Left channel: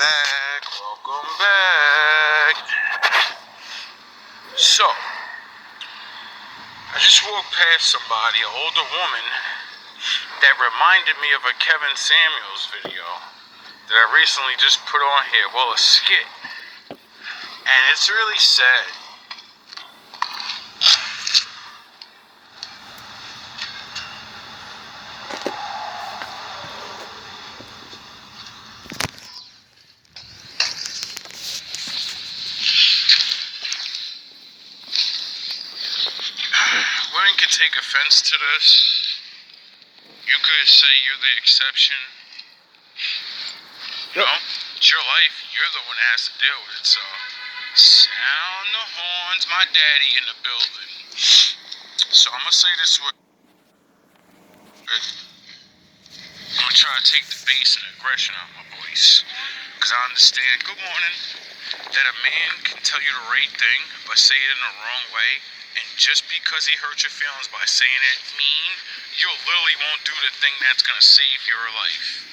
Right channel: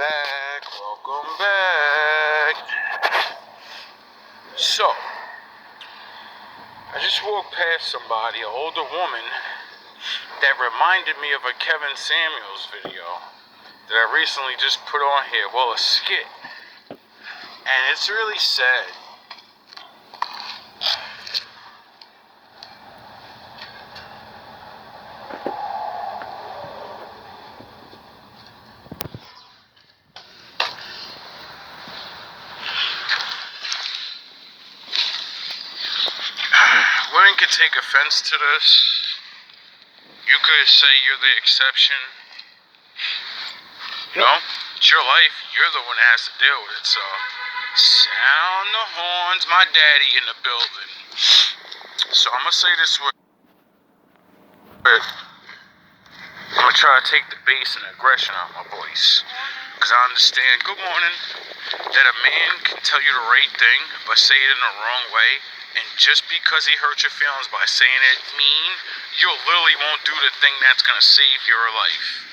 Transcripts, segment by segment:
Welcome back. So, I just walked past somebody, an older woman, that reminded me of a Kevin Samuels video that I recently just put on here. Well, a skit. And it's really sad. Women can take offense to this. You could say you're the exception. You know, it's your life. You're the one that has to deal with it. So, sound the horns. My daddy in the building. So I'm gonna say this with. I'm gonna try to take the bass and aggression out of my voice, cause I understand. Good morning. That a man can tell you the right thing but say it in the wrong way. And just because he hurt your feelings by saying it mean, you literally won't do the thing that's gonna save your life.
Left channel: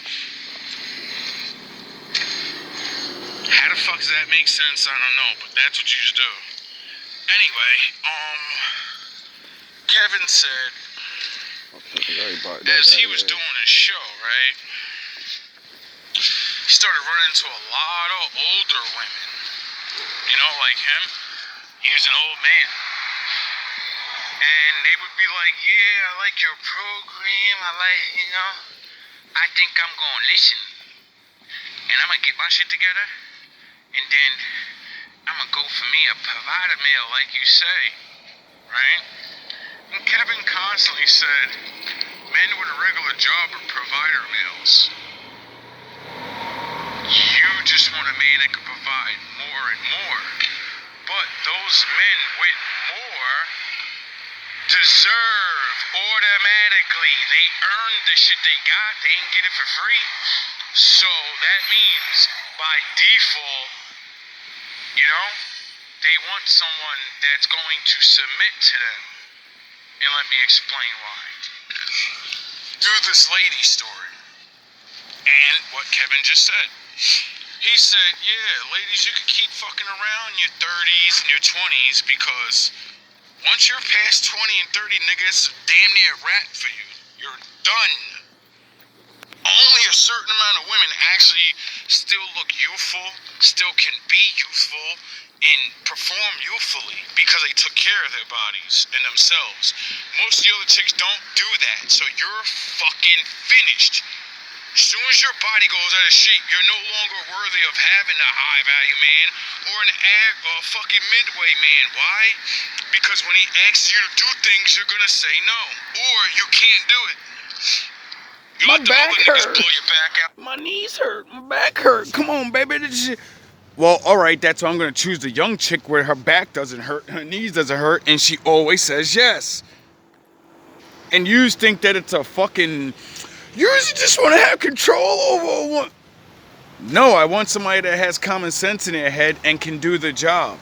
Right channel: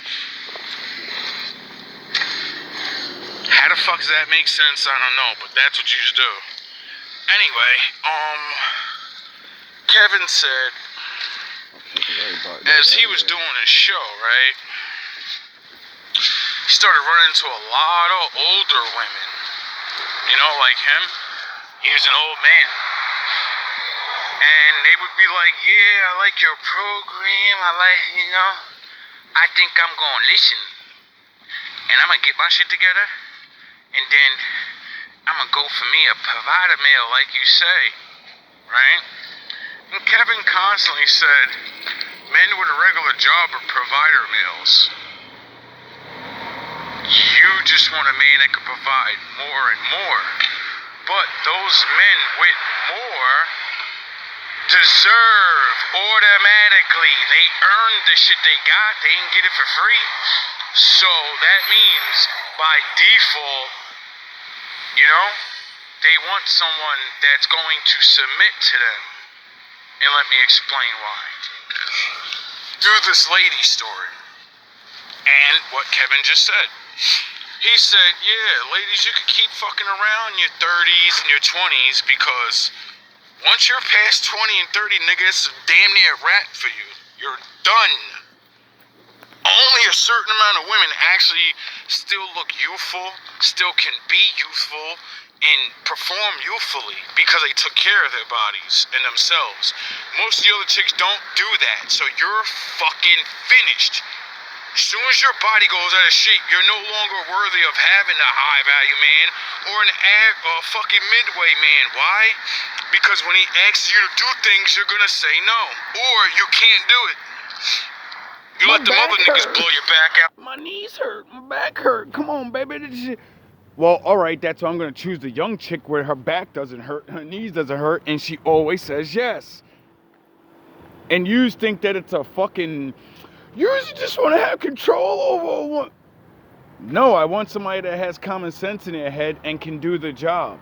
How the fuck does that make sense? I don't know, but that's what you should do. Anyway, Kevin said, as he was doing his show, right, he started running into a lot of older women. You know, like him. He was an old man. And they would be like, yeah, I like your program. I think I'm going to listen. And I'm going to get my shit together. And then I'm going to go for me a provider mail, like you say. Right? And Kevin constantly said, men with a regular job are provider males. You just want a man that can provide more and more. But those men with more deserve automatically. They earned the shit they got. They didn't get it for free. So that means by default, you know, they want someone that's going to submit to them. And let me explain why. Through this lady story. And what Kevin just said. He said, yeah, ladies, you can keep fucking around in your 30s and your 20s because once you're past 20 and 30, nigga, it's damn near a wrap for you. You're done. Only a certain amount of women actually still look youthful, still can be youthful, and perform youthfully because they took care of their bodies and themselves. Most of the other chicks don't do that, so you're fucking finished. As soon as your body goes out of shape, you're no longer worthy of having a high value man or a fucking midway man. Why? Because when he asks you to do things, you're gonna say no. Or you can't do it. You let the other niggas blow your back out. My knees hurt. My back hurt. Come on, baby. Well, alright, that's why I'm gonna choose the young chick where her back doesn't hurt, her knees doesn't hurt, and she always says yes. And you think that it's a fucking... You just want to have control over one. No, I want somebody that has common sense in their head and can do the job.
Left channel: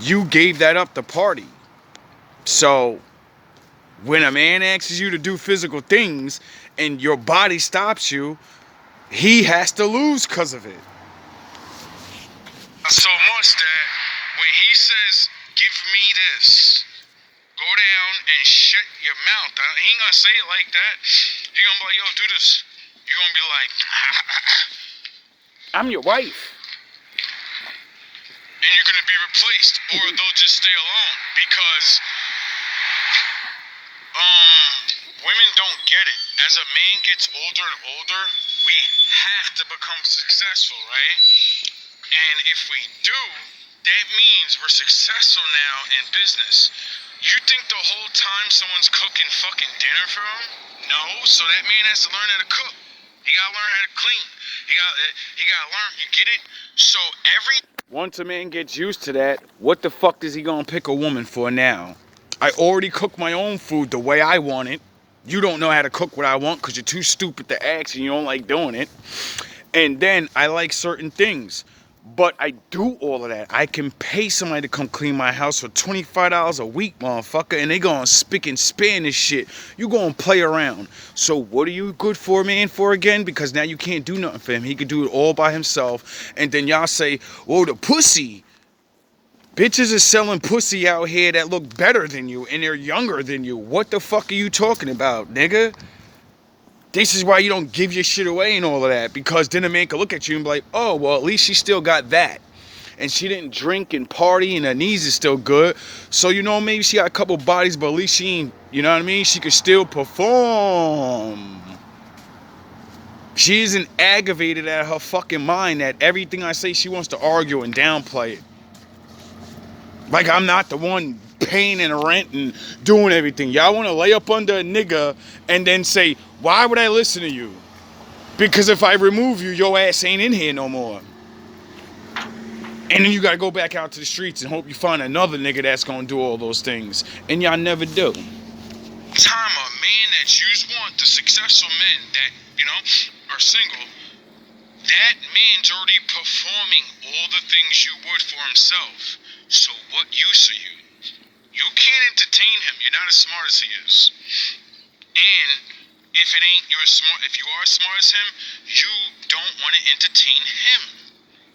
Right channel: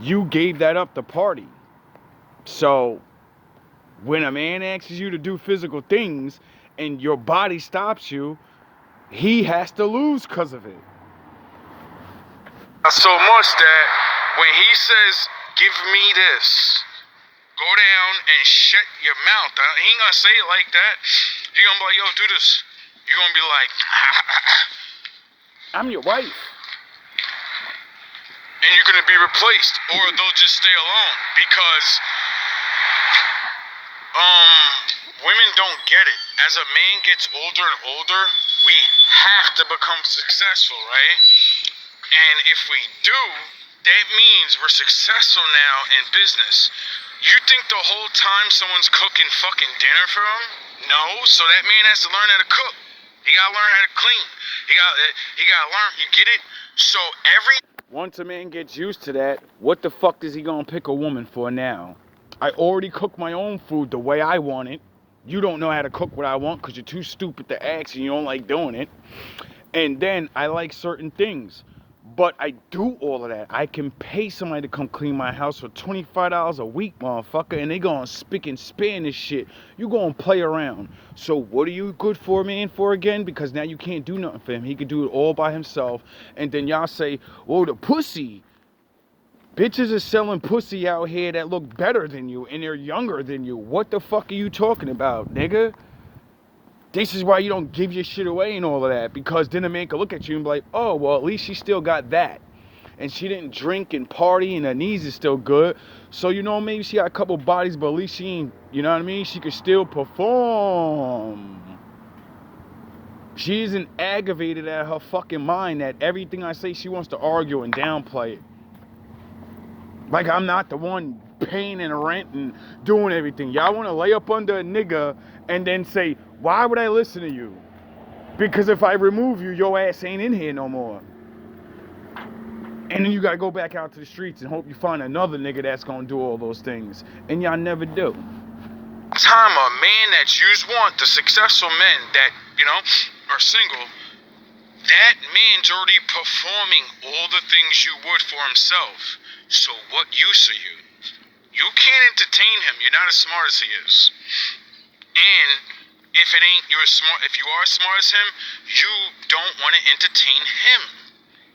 You gave that up to party. So, when a man asks you to do physical things and your body stops you, he has to lose because of it. So much that when he says, give me this, go down and shut your mouth. He ain't gonna say it like that. He gonna be like, yo, do this. You're gonna be like, I'm your wife. And you're gonna be replaced. Or they'll just stay alone. Because women don't get it. As a man gets older and older, we have to become successful, right? And if we do, that means we're successful now in business. You think the whole time someone's cooking fucking dinner for him? No, so that man has to learn how to cook. He gotta learn how to clean. He gotta learn, you get it? So once a man gets used to that, what the fuck is he gonna pick a woman for now? I already cook my own food the way I want it. You don't know how to cook what I want because you're too stupid to ask and you don't like doing it. And then I like certain things. But I do all of that. I can pay somebody to come clean my house for $25 a week, motherfucker, and they gonna spick and span this shit. You gonna play around. So what are you good for, man, for again? Because now you can't do nothing for him. He could do it all by himself. And then y'all say, well, the pussy. Bitches is selling pussy out here that look better than you, and they're younger than you. What the fuck are you talking about, nigga? This is why you don't give your shit away and all of that, because then a man can look at you and be like, oh, well, at least she still got that. And she didn't drink and party and her knees is still good. So, you know, maybe she got a couple bodies, but at least she ain't, you know what I mean? She could still perform. She isn't aggravated at her fucking mind that everything I say she wants to argue and downplay it. Like I'm not the one paying and rent and doing everything. Y'all want to lay up under a nigga and then say, why would I listen to you? Because if I remove you, your ass ain't in here no more. And then you got to go back out to the streets and hope you find another nigga that's going to do all those things. And y'all never do. Time a man that you want, the successful men that, you know, are single, that man's already performing all the things you would for himself. So what use are you? You can't entertain him. You're not as smart as he is. And if you are as smart as him, you don't want to entertain him.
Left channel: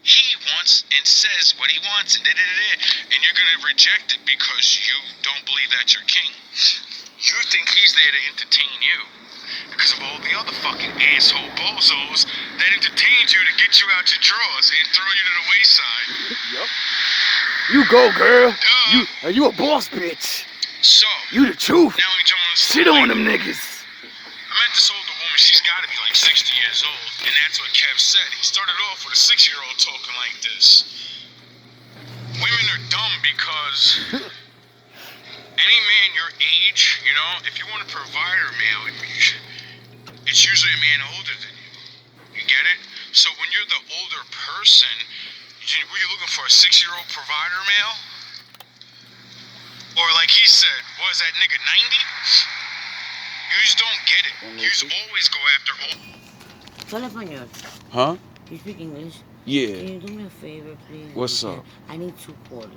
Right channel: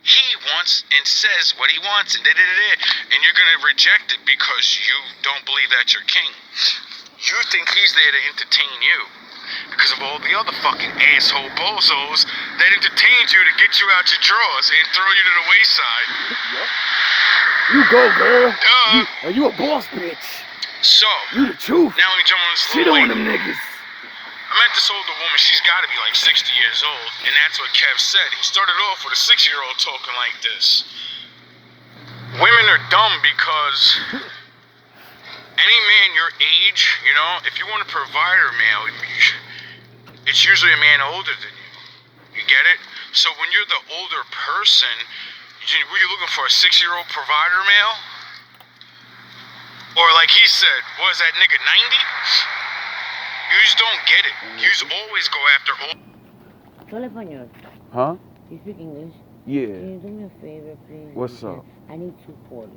He wants and says what he wants and and you're gonna reject it because you don't believe that you're king. You think he's there to entertain you because of all the other fucking asshole bozos that entertained you to get you out your drawers and throw you to the wayside. Yep. You go, girl. You a boss bitch. So you the truth. Now let me jump on this. Shit on them niggas. I met this older woman. She's got to be like 60 years old, and that's what Kev said. He started off with a 6-year-old talking like this. Women are dumb because any man your age, you know, if you want a provider male, it's usually a man older than you. You get it? So when you're the older person, were you looking for a 6-year-old provider male? Or like he said, was that nigga 90? You just don't get it. You just always go after old. Hola, español. Huh? You speak English? Yeah. Can you do me a favor, please? What's up? I need 2 quarters.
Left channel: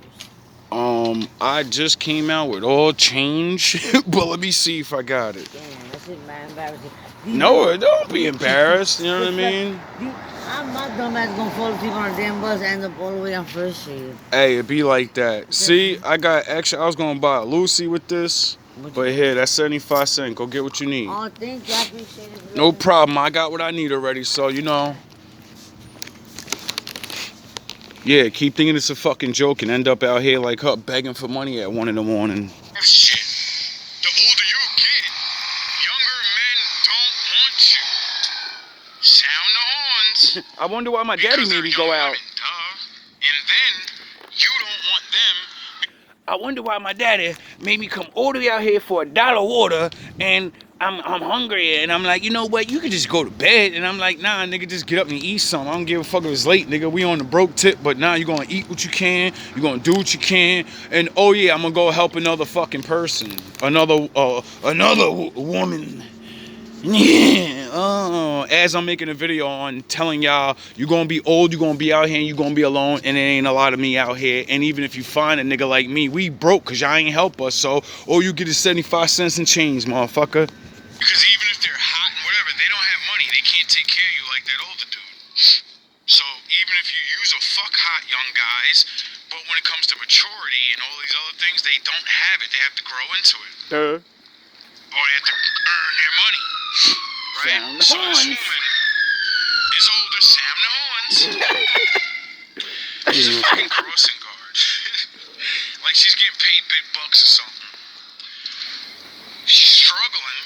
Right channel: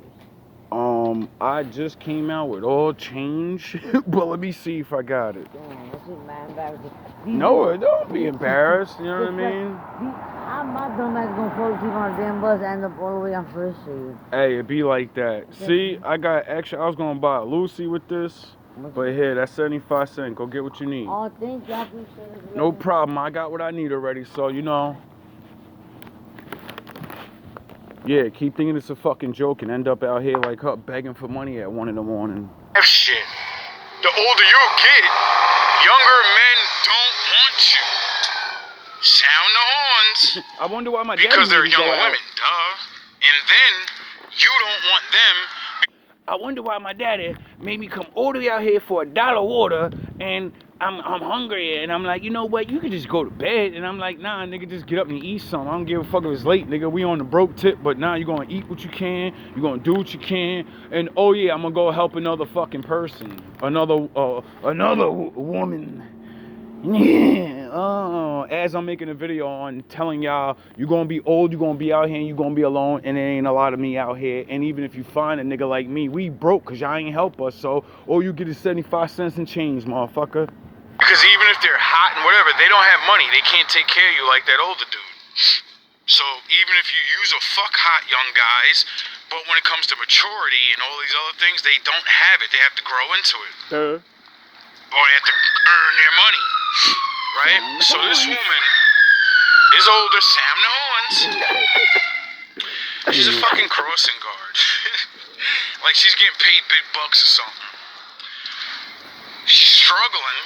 I just came out with all change, but let me see if I got it. Damn, that's just mad embarrassing. No, don't be embarrassed. You know what I mean? I'm my dumb ass gonna fall asleep on a damn bus and end up all the way on First Street. Hey, it be like that. See, I got extra. I was gonna buy a Lucy with this, but here, that's 75 cents. Go get what you need. Oh, thank you. I appreciate it. No problem. I got what I need already, so you know. Yeah, keep thinking it's a fucking joke and end up out here like her begging for money at 1 in the morning. Shit. The older you get, younger men don't want you. Sound the horns. I wonder why my daddy because they're made me young go out. women, duh. And then you don't want them. I wonder why my daddy made me come all the way out here for $1 water, and I'm hungry, and I'm like, you know what, you can just go to bed. And I'm like, nah, nigga, just get up and eat something. I don't give a fuck if it's late, nigga. We on the broke tip, but now you're gonna eat what you can, you're gonna do what you can, and oh yeah, I'm gonna go help another fucking person, another woman. Yeah, as I'm making a video on telling y'all, you're gonna be old, you're gonna be out here, and you're gonna be alone, and there ain't a lot of me out here. And even if you find a nigga like me, we broke because y'all ain't help us, so all you get is 75 cents and change, motherfucker. Because even if they're hot and whatever, they don't have money. They can't take care of you like that older dude. So even if you use a fuck hot young guys, but when it comes to maturity and all these other things, they don't have it. They have to grow into it. Or they have to earn their money. Right? So this woman is older, Sam the Horns. She's a fucking crossing guard. Like she's getting paid big bucks or something. She's struggling.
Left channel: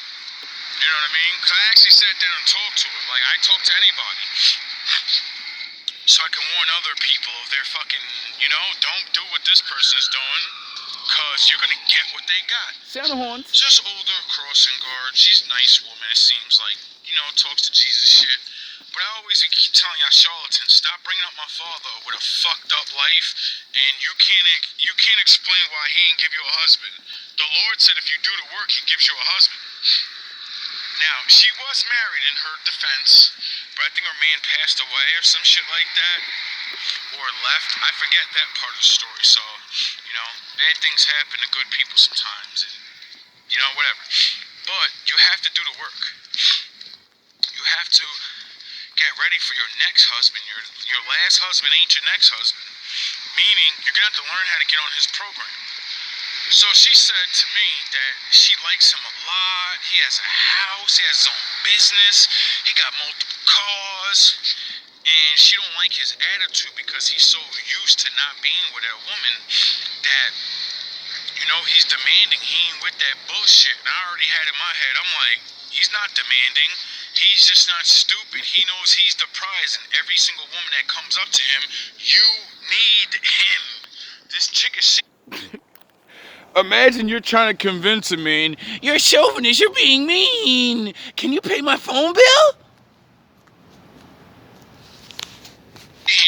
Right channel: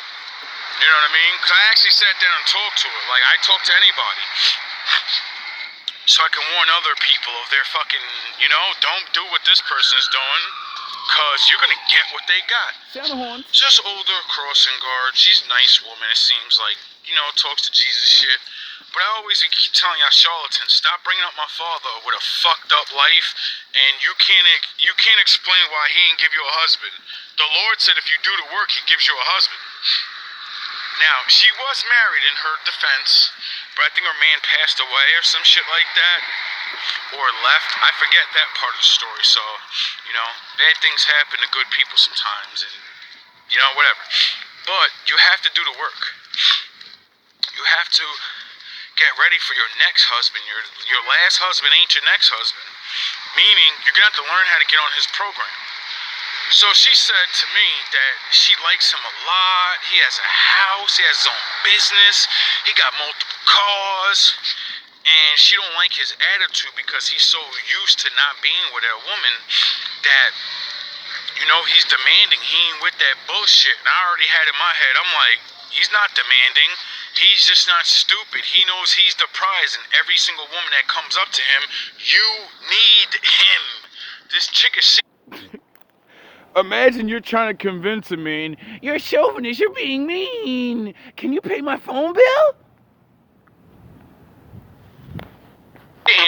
You know what I mean? Because I actually sat down and talked to her. Like I talk to anybody. So I can warn other people of their fucking, you know, don't do what this person is doing. Because you're going to get what they got. Sound the horns. Just older crossing guard. She's a nice woman, it seems like. You know, talks to Jesus shit. But I always keep telling y'all charlatans, stop bringing up my father with a fucked up life. And you can't explain why he didn't give you a husband. The Lord said if you do the work, he gives you a husband. Now, she was married in her defense, but I think her man passed away or some shit like that. or left. I forget that part of the story. So, you know, bad things happen to good people sometimes, and you know, whatever. But you have to do the work. You have to get ready for your next husband. Your last husband ain't your next husband. Meaning, you're gonna have to learn how to get on his program. So she said to me that she likes him a lot. He has a house, he has his own business, he got multiple cars, and she don't like his attitude because he's so used to not being with a woman that, you know, he's demanding. He ain't with that bullshit. And I already had in my head, I'm like, he's not demanding. He's just not stupid. He knows he's the prize, and every single woman that comes up to him, you need him. This chick is Imagine you're trying to convince a man, you're a chauvinist, you're being mean. Can you pay my phone bill?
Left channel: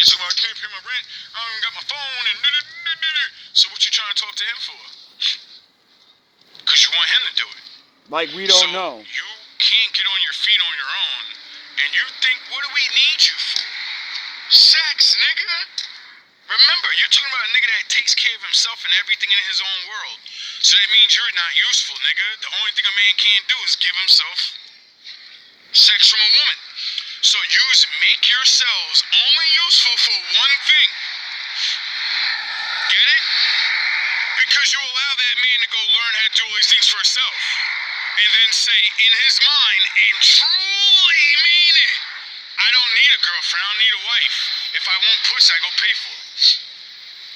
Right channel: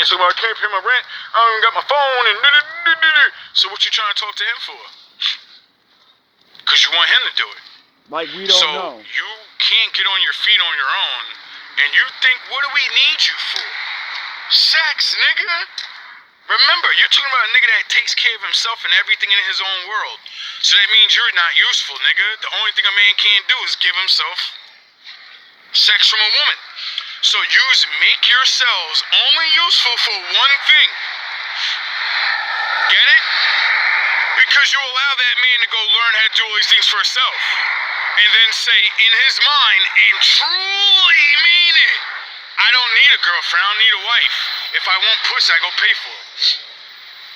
answer, well, I can't pay my rent. I don't even got my phone and so what you trying to talk to him for? Because you want him to do it. Like we don't so know. You can't get on your feet on your own, and you think, what do we need you for? Sex, nigga. Remember, you're talking about a nigga that takes care of himself and everything in his own world. So that means you're not useful, nigga. The only thing a man can't do is give himself sex from a woman. So make yourselves only useful for one thing. Get it? Because you allow that man to go learn how to do all these things for himself. And then say in his mind, and truly mean it, I don't need a girlfriend, I don't need a wife. If I want pussy, I go pay for it.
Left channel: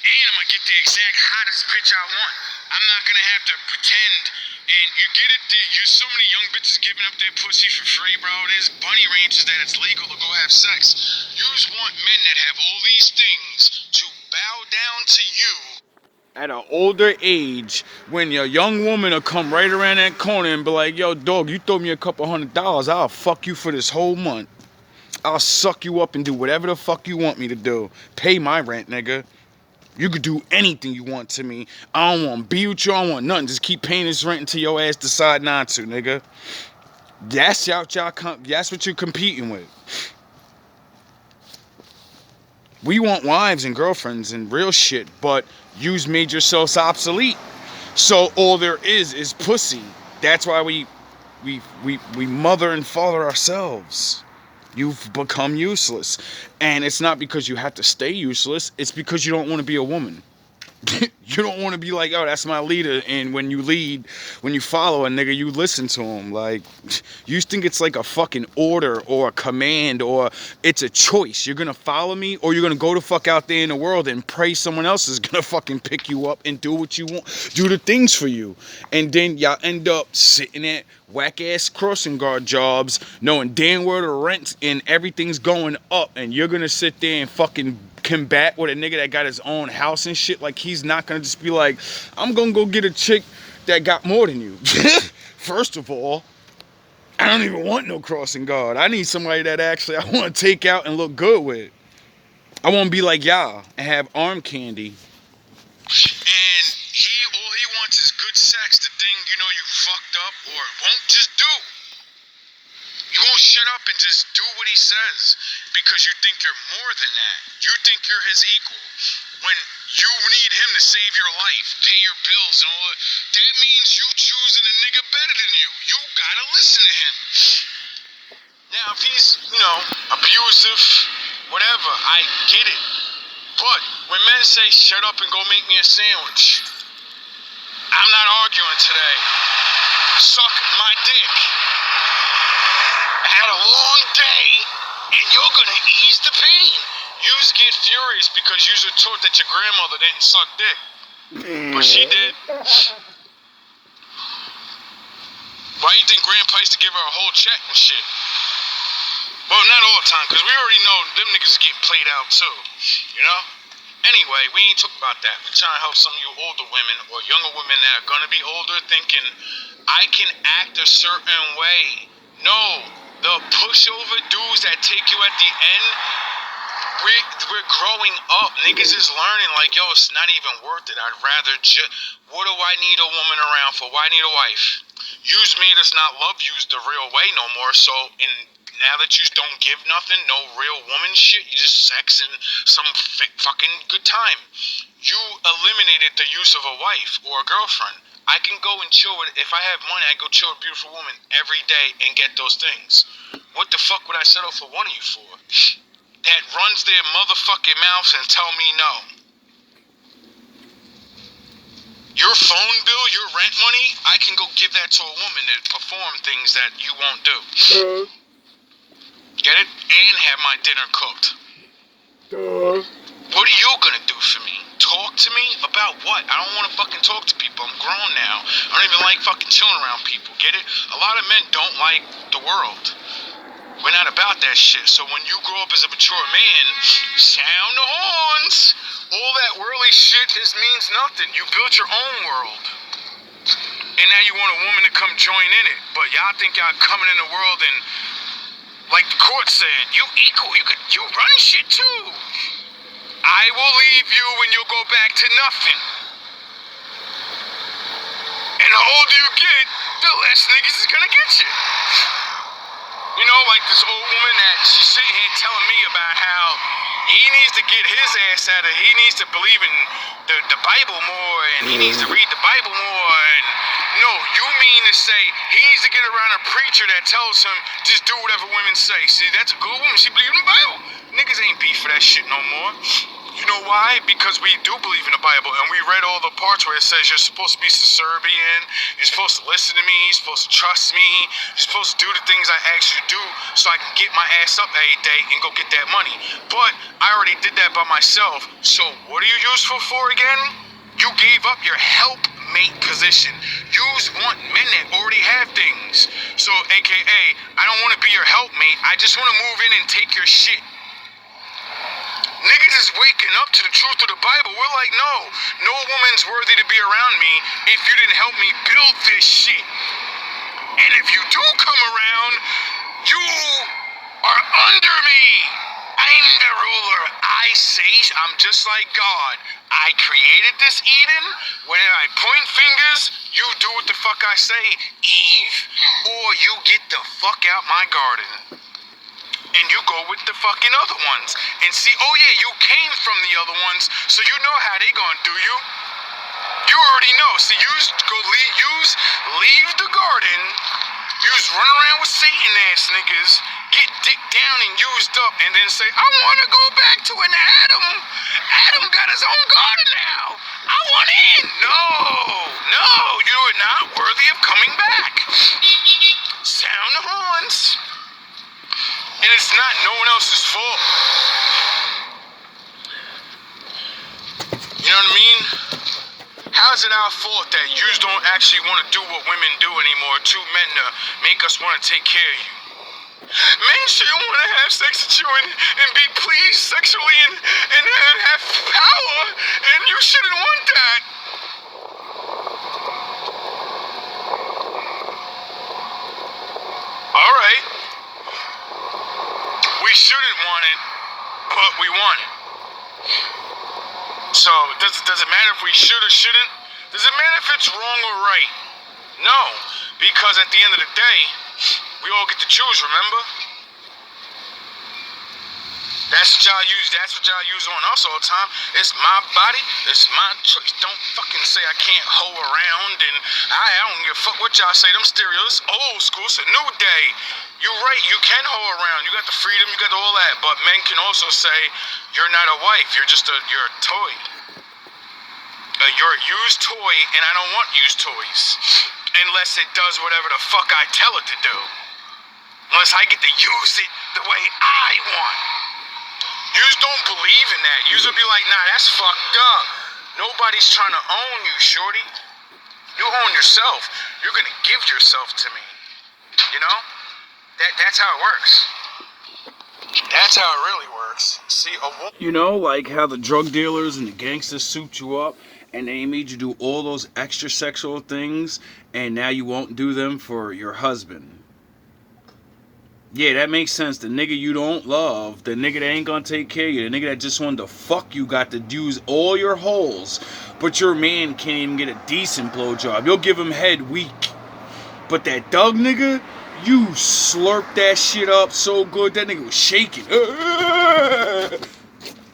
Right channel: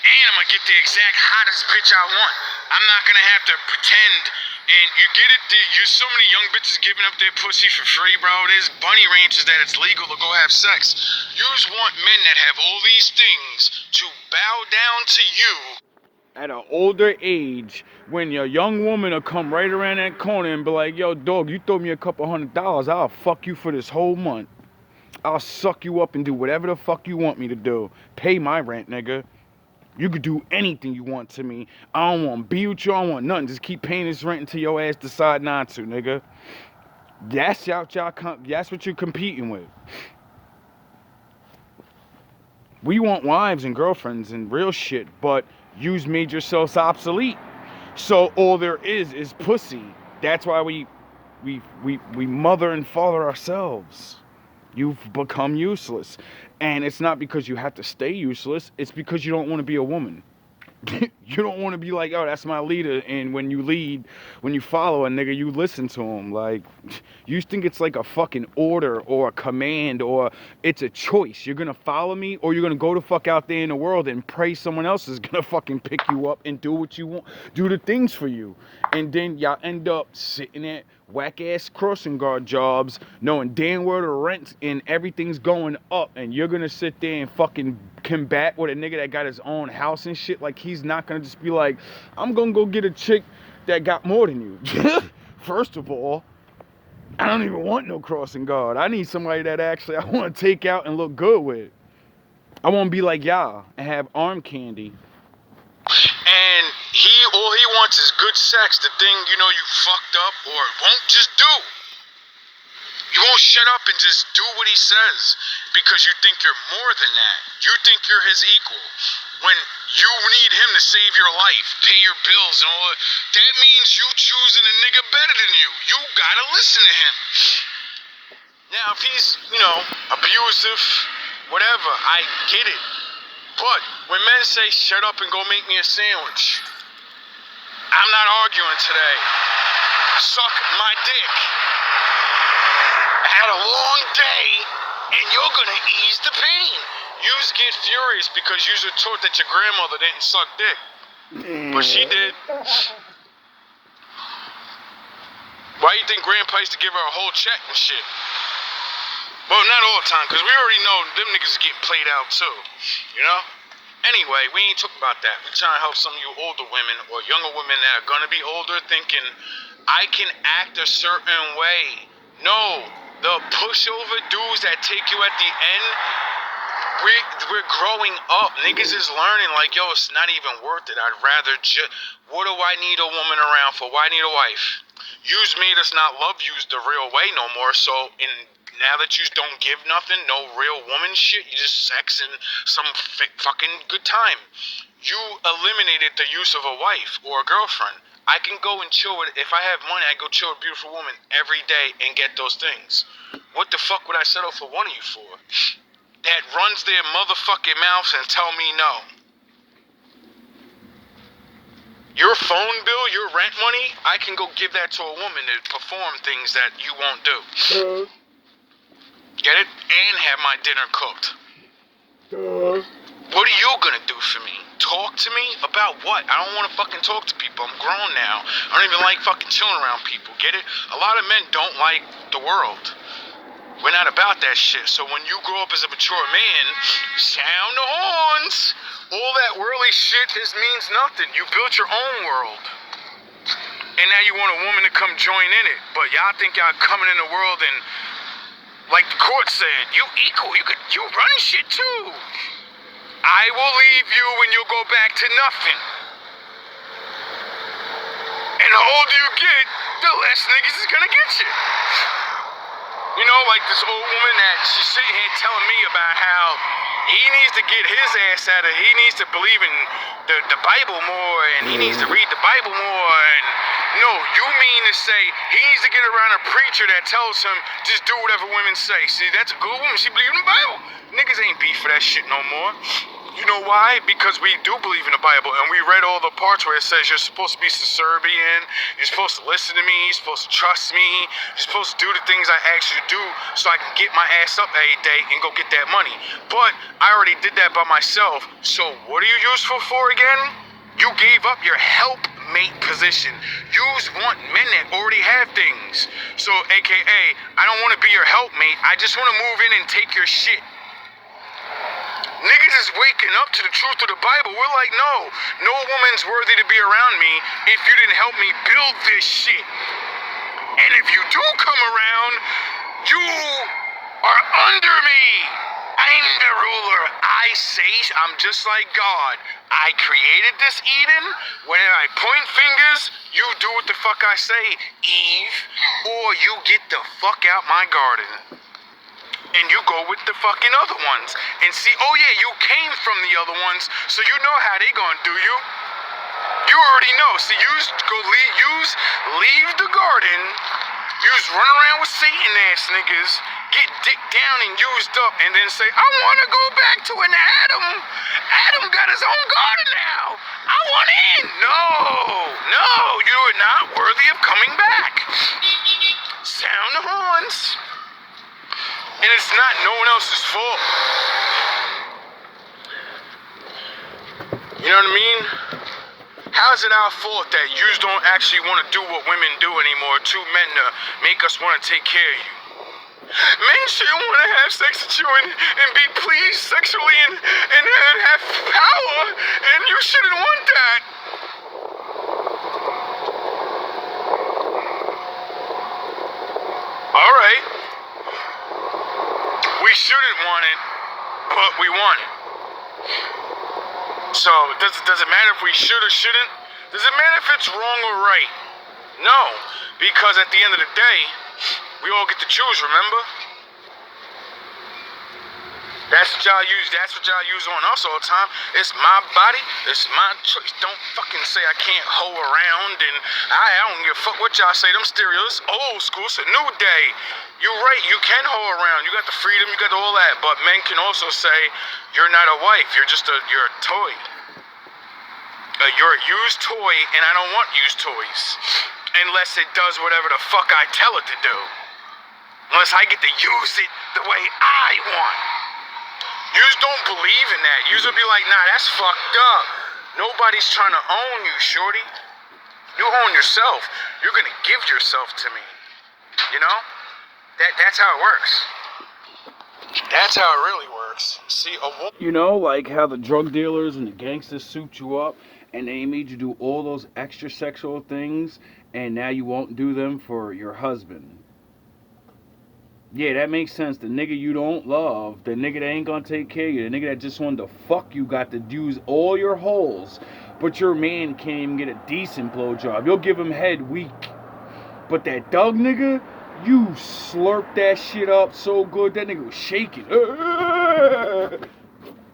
And I'm gonna get the exact hottest bitch I want. I'm not gonna have to pretend. And you get it, there's so many young bitches giving up their pussy for free, bro. There's bunny ranches that it's legal to go have sex. You just want men that have all these things to bow down to you. At an older age, when your young woman will come right around that corner and be like, yo, dog, you throw me a couple $100, I'll fuck you for this whole month. I'll suck you up and do whatever the fuck you want me to do. Pay my rent, nigga. You could do anything you want to me. I don't want to be with you. I don't want nothing. Just keep paying this rent until your ass decide not to, nigga. That's what you're competing with. We want wives and girlfriends and real shit, but you've made yourselves obsolete. So all there is pussy. That's why we mother and father ourselves. You've become useless. And it's not because you have to stay useless. It's because you don't want to be a woman. You don't want to be like, oh, that's my leader. And when you lead, when you follow a nigga, you listen to him. Like, you think it's like a fucking order or a command or it's a choice. You're going to follow me or you're going to go the fuck out there in the world and pray someone else is going to fucking pick you up and do what you want, do the things for you. And then y'all end up sitting at whack-ass crossing guard jobs knowing damn well the rent and everything's going up, and you're gonna sit there and fucking combat with a nigga that got his own house and shit. Like, he's not gonna just be like, I'm gonna go get a chick that got more than you. First of all, I don't even want no crossing guard. I need somebody that actually I want to take out and look good with. I want to be like y'all and have arm candy. And all he wants is good sex, the thing, you know, you fucked up or won't just do. You won't shut up and just do what he says because you think you're more than that. You think you're his equal. When you need him to save your life, pay your bills and all that, that means you choosing a nigga better than you. You gotta listen to him. Now, if he's, you know, abusive, whatever, I get it. But when men say, shut up and go make me a sandwich, I'm not arguing today. Suck my dick. I had a long day, and you're gonna ease the pain. You just get furious because you were taught that your grandmother didn't suck dick. But she did. Why you think grandpa used to give her a whole check and shit? Well, not all the time, because we already know them niggas is getting played out too, you know? Anyway, we ain't talking about that. We're trying to help some of you older women or younger women that are going to be older thinking, I can act a certain way. No, the pushover dudes that take you at the end, we're growing up. Niggas is learning like, yo, it's not even worth it. I'd rather just, what do I need a woman around for? Why need a wife? Yous made us not love yous the real way no more, so in now that you don't give nothing, no real woman shit, you just sex and some fucking good time. You eliminated the use of a wife or a girlfriend. I can go and chill with, if I have money, I go chill with a beautiful woman every day and get those things. What the fuck would I settle for one of you for? That runs their motherfucking mouths and tell me no. Your phone bill, your rent money, I can go give that to a woman to perform things that you won't do. Get it? And have my dinner cooked. What are you gonna do for me? Talk to me? About what? I don't wanna fucking talk to people. I'm grown now. I don't even like fucking chilling around people. Get it? A lot of men don't like the world. We're not about that shit. So when you grow up as a mature man, sound the horns. All that worldly shit just means nothing. You built your own world. And now you want a woman to come join in it. But y'all think y'all coming in the world and, like the court said, you equal. You run shit too. I will leave you and you'll go back to nothing. And the older you get, the less niggas is gonna get you. You know, like this old woman that she's sitting here telling me about how he needs to get his ass out of it. He needs to believe in the Bible more, and he needs to read the Bible more. And no, you mean to say he needs to get around a preacher that tells him just do whatever women say. See, that's a good woman. She believes in the Bible. Niggas ain't beef for that shit no more. You know why? Because we do believe in the Bible, and we read all the parts where it says you're supposed to be subservient, you're supposed to listen to me, you're supposed to trust me, you're supposed to do the things I ask you to do so I can get my ass up every day and go get that money. But I already did that by myself, so what are you useful for again? You gave up your helpmate position. You want men that already have things. So, AKA, I don't want to be your helpmate, I just want to move in and take your shit. Niggas is waking up to the truth of the Bible. We're like, no woman's worthy to be around me if you didn't help me build this shit. And if you do come around, you are under me. I'm the ruler. I say I'm just like God. I created this Eden. When I point fingers, you do what the fuck I say, Eve, or you get the fuck out my garden. And you go with the fucking other ones. And see, oh yeah, you came from the other ones, so you know how they gonna do you. You already know. See, leave the garden, run around with Satan ass niggas, get dicked down and used up, and then say, I wanna go back to an Adam. Adam got his own garden now. I want in. No, you're not worthy of coming back. Sound the horns. And it's not no one else's fault. You know what I mean? How is it our fault that you don't actually want to do what women do anymore? Two men to make us want to take care of you. Men shouldn't want to have sex with you and be pleased sexually and have power, and you shouldn't want that. All right. We shouldn't want it, but we want it. So, does it matter if we should or shouldn't? Does it matter if it's wrong or right? No, because at the end of the day, we all get to choose, remember? That's what y'all use on us all the time. It's my body, it's my choice. Don't fucking say I can't hoe around, and I don't give a fuck what y'all say. Them stereos, old school, it's a new day. You're right, you can hoe around. You got the freedom, you got all that. But men can also say, you're not a wife, you're a toy. You're a used toy, and I don't want used toys. Unless it does whatever the fuck I tell it to do. Unless I get to use it the way I want. Yous don't believe in that. Yous will be like, nah, that's fucked up. Nobody's trying to own you, shorty. You own yourself. You're gonna give yourself to me. You know? That's how it works. That's how it really works. See, you know, like how the drug dealers and the gangsters suit you up, and they made you do all those extra sexual things, and now you won't do them for your husband. Yeah, that makes sense. The nigga you don't love, the nigga that ain't gonna take care of you, the nigga that just wanted to fuck you, got to use all your holes, but your man can't even get a decent blowjob. You'll give him head weak. But that Doug nigga, You slurped that shit up so good that nigga was shaking.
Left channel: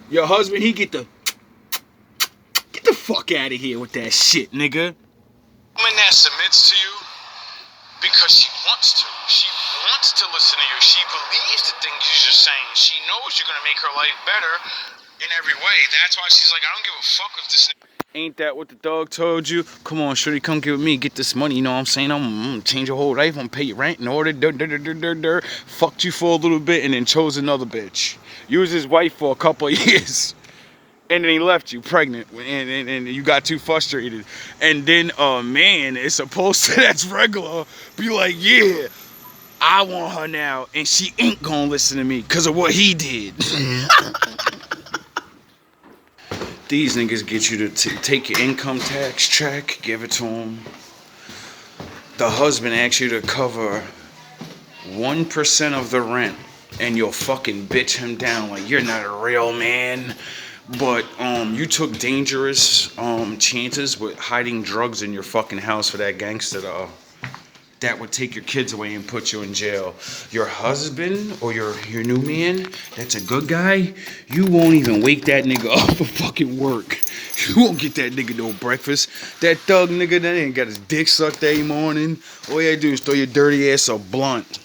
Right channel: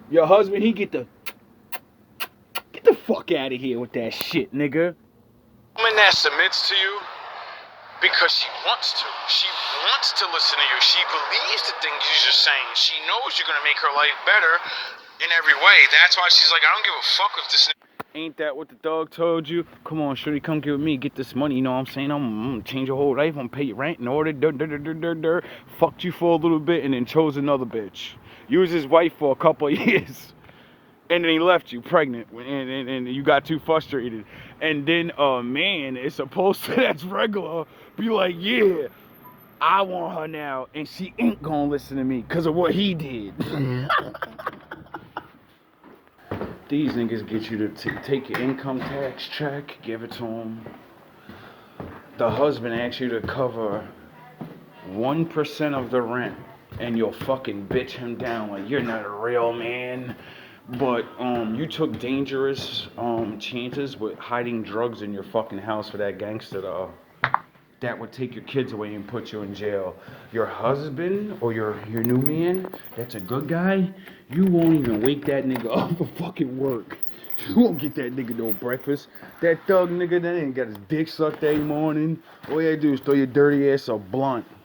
Your husband, he get the fuck out of here with that shit, nigga. Woman that submits to you because she wants to. She wants to listen to you. She believes the things you're saying. She knows you're gonna make her life better in every way. That's why she's like, I don't give a fuck if this. Ain't that what the dog told you? Come on, shorty, come get with me, get this money. You know what I'm saying? I'm gonna change your whole life. I'm gonna pay your rent and all that. Fucked you for a little bit and then chose another bitch. You was his wife for a couple of years. And then he left you pregnant and you got too frustrated. And then a man is supposed to, that's regular, be like, yeah, I want her now. And she ain't gonna listen to me because of what he did. These niggas get you to take your income tax check, give it to them. The husband asks you to cover 1% of the rent, and you'll fucking bitch him down like you're not a real man. But you took dangerous chances with hiding drugs in your fucking house for that gangster that would take your kids away and put you in jail. Your husband or your new man, that's a good guy, you won't even wake that nigga up for fucking work. You won't get that nigga no breakfast. That thug nigga that ain't got his dick sucked every morning. All you gotta do is throw your dirty ass a blunt.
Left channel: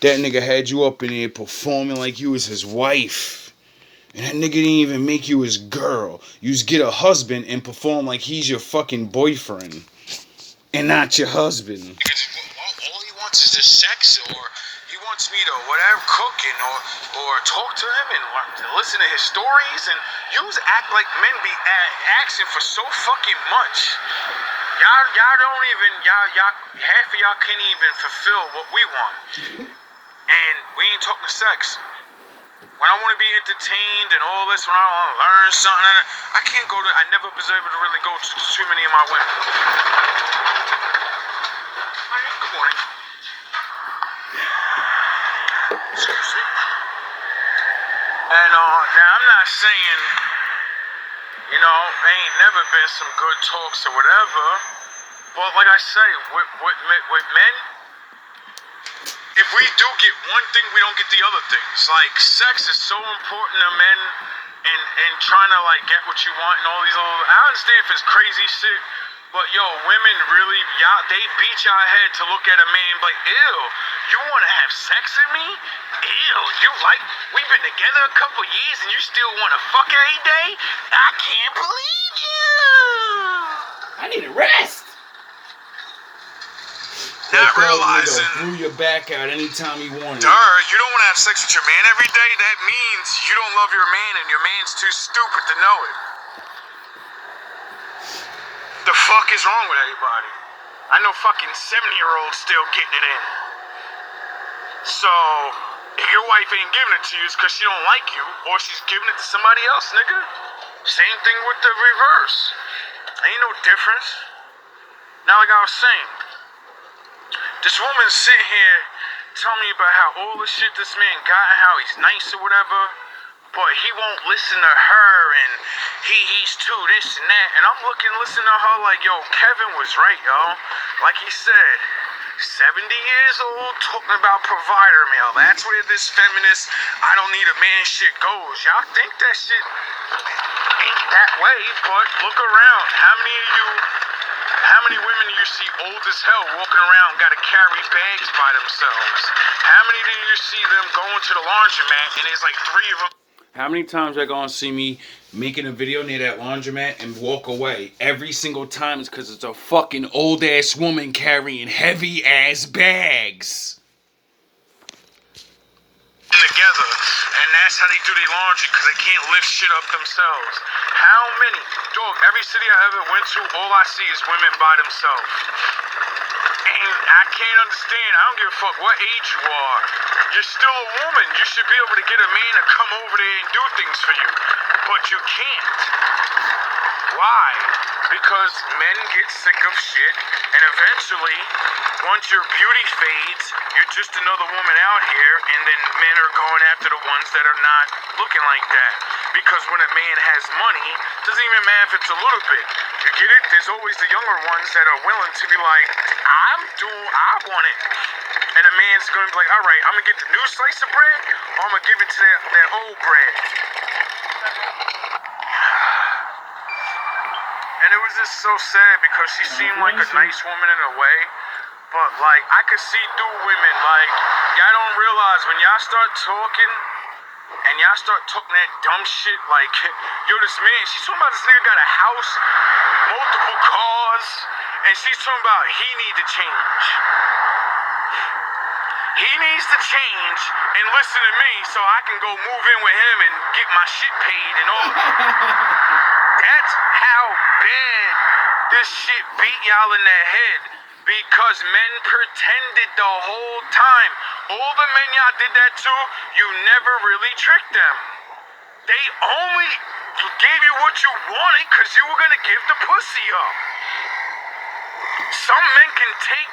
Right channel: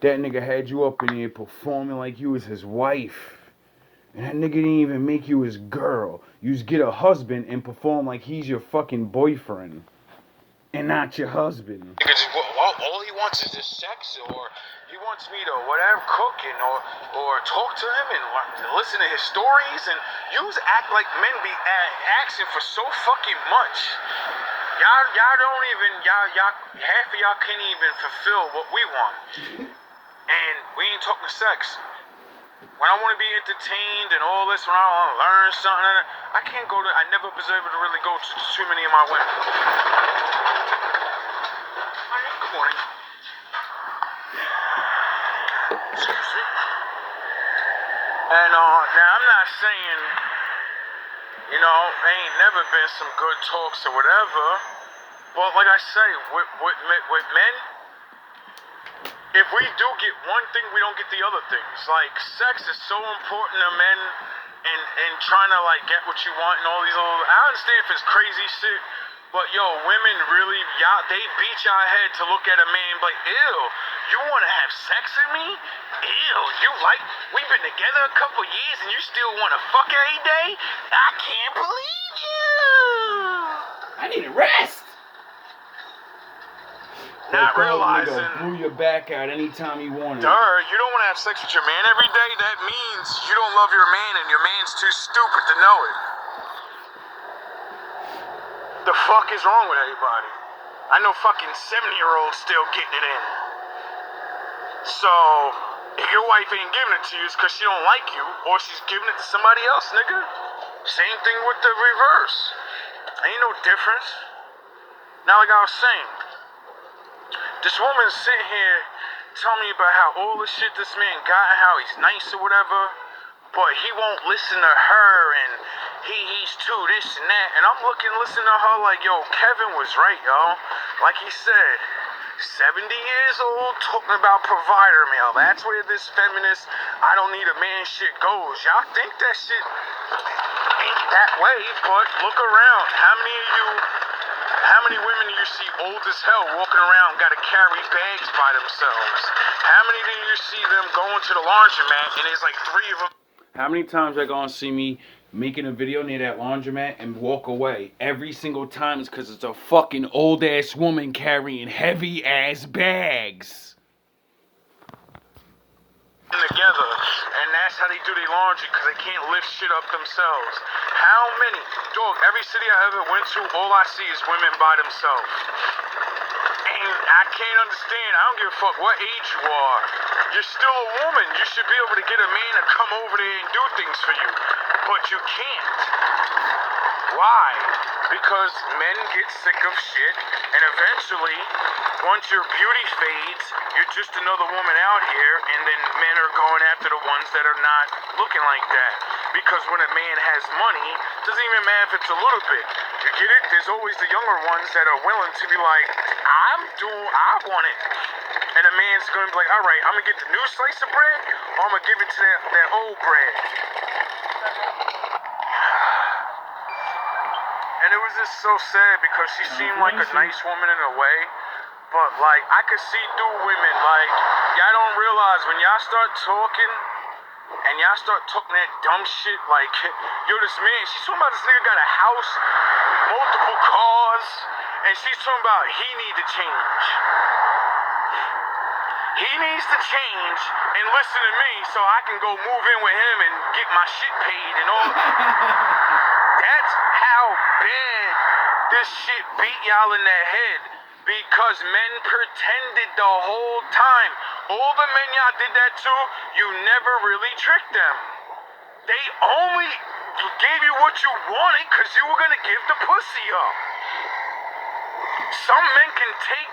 That nigga had you up in there performing like you was his wife. And that nigga didn't even make you his girl. You just get a husband and perform like he's your fucking boyfriend. And not your husband. If it's, all he wants is just sex, or he wants me to whatever cooking, or talk to him and listen to his stories, and act like men be asking for so fucking much. Y'all don't even half of y'all can't even fulfill what we want, and we ain't talking sex. When I want to be entertained and all this, when I want to learn something, I can't go to. I never was able to really go to too many of my women. Good morning. Excuse me. And now I'm not saying, there ain't never been some good talks or whatever, but like I say, with men, if we do get one thing, we don't get the other things. Like, sex is so important to men and trying to, like, get what you want and all these little... I understand if it's crazy shit, but, women really... they beat y'all head to look at a man like, ew, you want to have sex with me? Ew, we've been together a couple years and you still want to fuck every day? I can't believe you! I need a rest! Not realizing, threw your back out anytime you wanted. You don't want to have sex with your man every day. That means you don't love your man, and your man's too stupid to know it. The fuck is wrong with everybody? I know fucking 70-year-olds still getting it in. So if your wife ain't giving it to you, it's because she don't like you, or she's giving it to somebody else, nigga. Same thing with the reverse. Ain't no difference. Now, like I was saying. This woman sitting here telling me about how all the shit this man got and how he's nice or whatever, but he won't listen to her and he's too this and that. And I'm listening to her like, yo, Kevin was right, yo. Like he said, 70 years old talking about provider male. That's where this feminist, I don't need a man shit goes. Y'all think that shit ain't that way, but look around. How many women do you see old as hell walking around, got to carry bags by themselves? How many do you see them going to the laundromat and there's like 3 of them? How many times are gonna see me making a video near that laundromat and walk away? Every single time it's because it's a fucking old ass woman carrying heavy ass bags. Together, and that's how they do their laundry, because they can't lift shit up themselves. How many? Dog, every city I ever went to, all I see is women by themselves. And I can't understand. I don't give a fuck what age you are. You're still a woman. You should be able to get a man to come over there and do things for you. But you can't. Why? Because men get sick of shit, and eventually, once your beauty fades, you're just another woman out here, and then men are going after the ones that are not looking like that. Because when a man has money, doesn't even matter if it's a little bit. You get it? There's always the younger ones that are willing to be like, I want it. And the man's gonna be like, all right, I'm gonna get the new slice of bread, or I'm gonna give it to that old bread. And it was just so sad because she seemed like a nice woman in a way, but like I could see through women. Like y'all don't realize when y'all start talking and y'all start talking that dumb shit. Like yo, this man, she's talking about this nigga got a house, multiple cars, and she's talking about he need to change. He needs to change and listen to me so I can go move in with him and get my shit paid and all. That's how bad this shit beat y'all in the head. Because men pretended the whole time. All the men y'all did that to, you never really tricked them. They only gave you what you wanted because you were gonna give the pussy up. Some men can take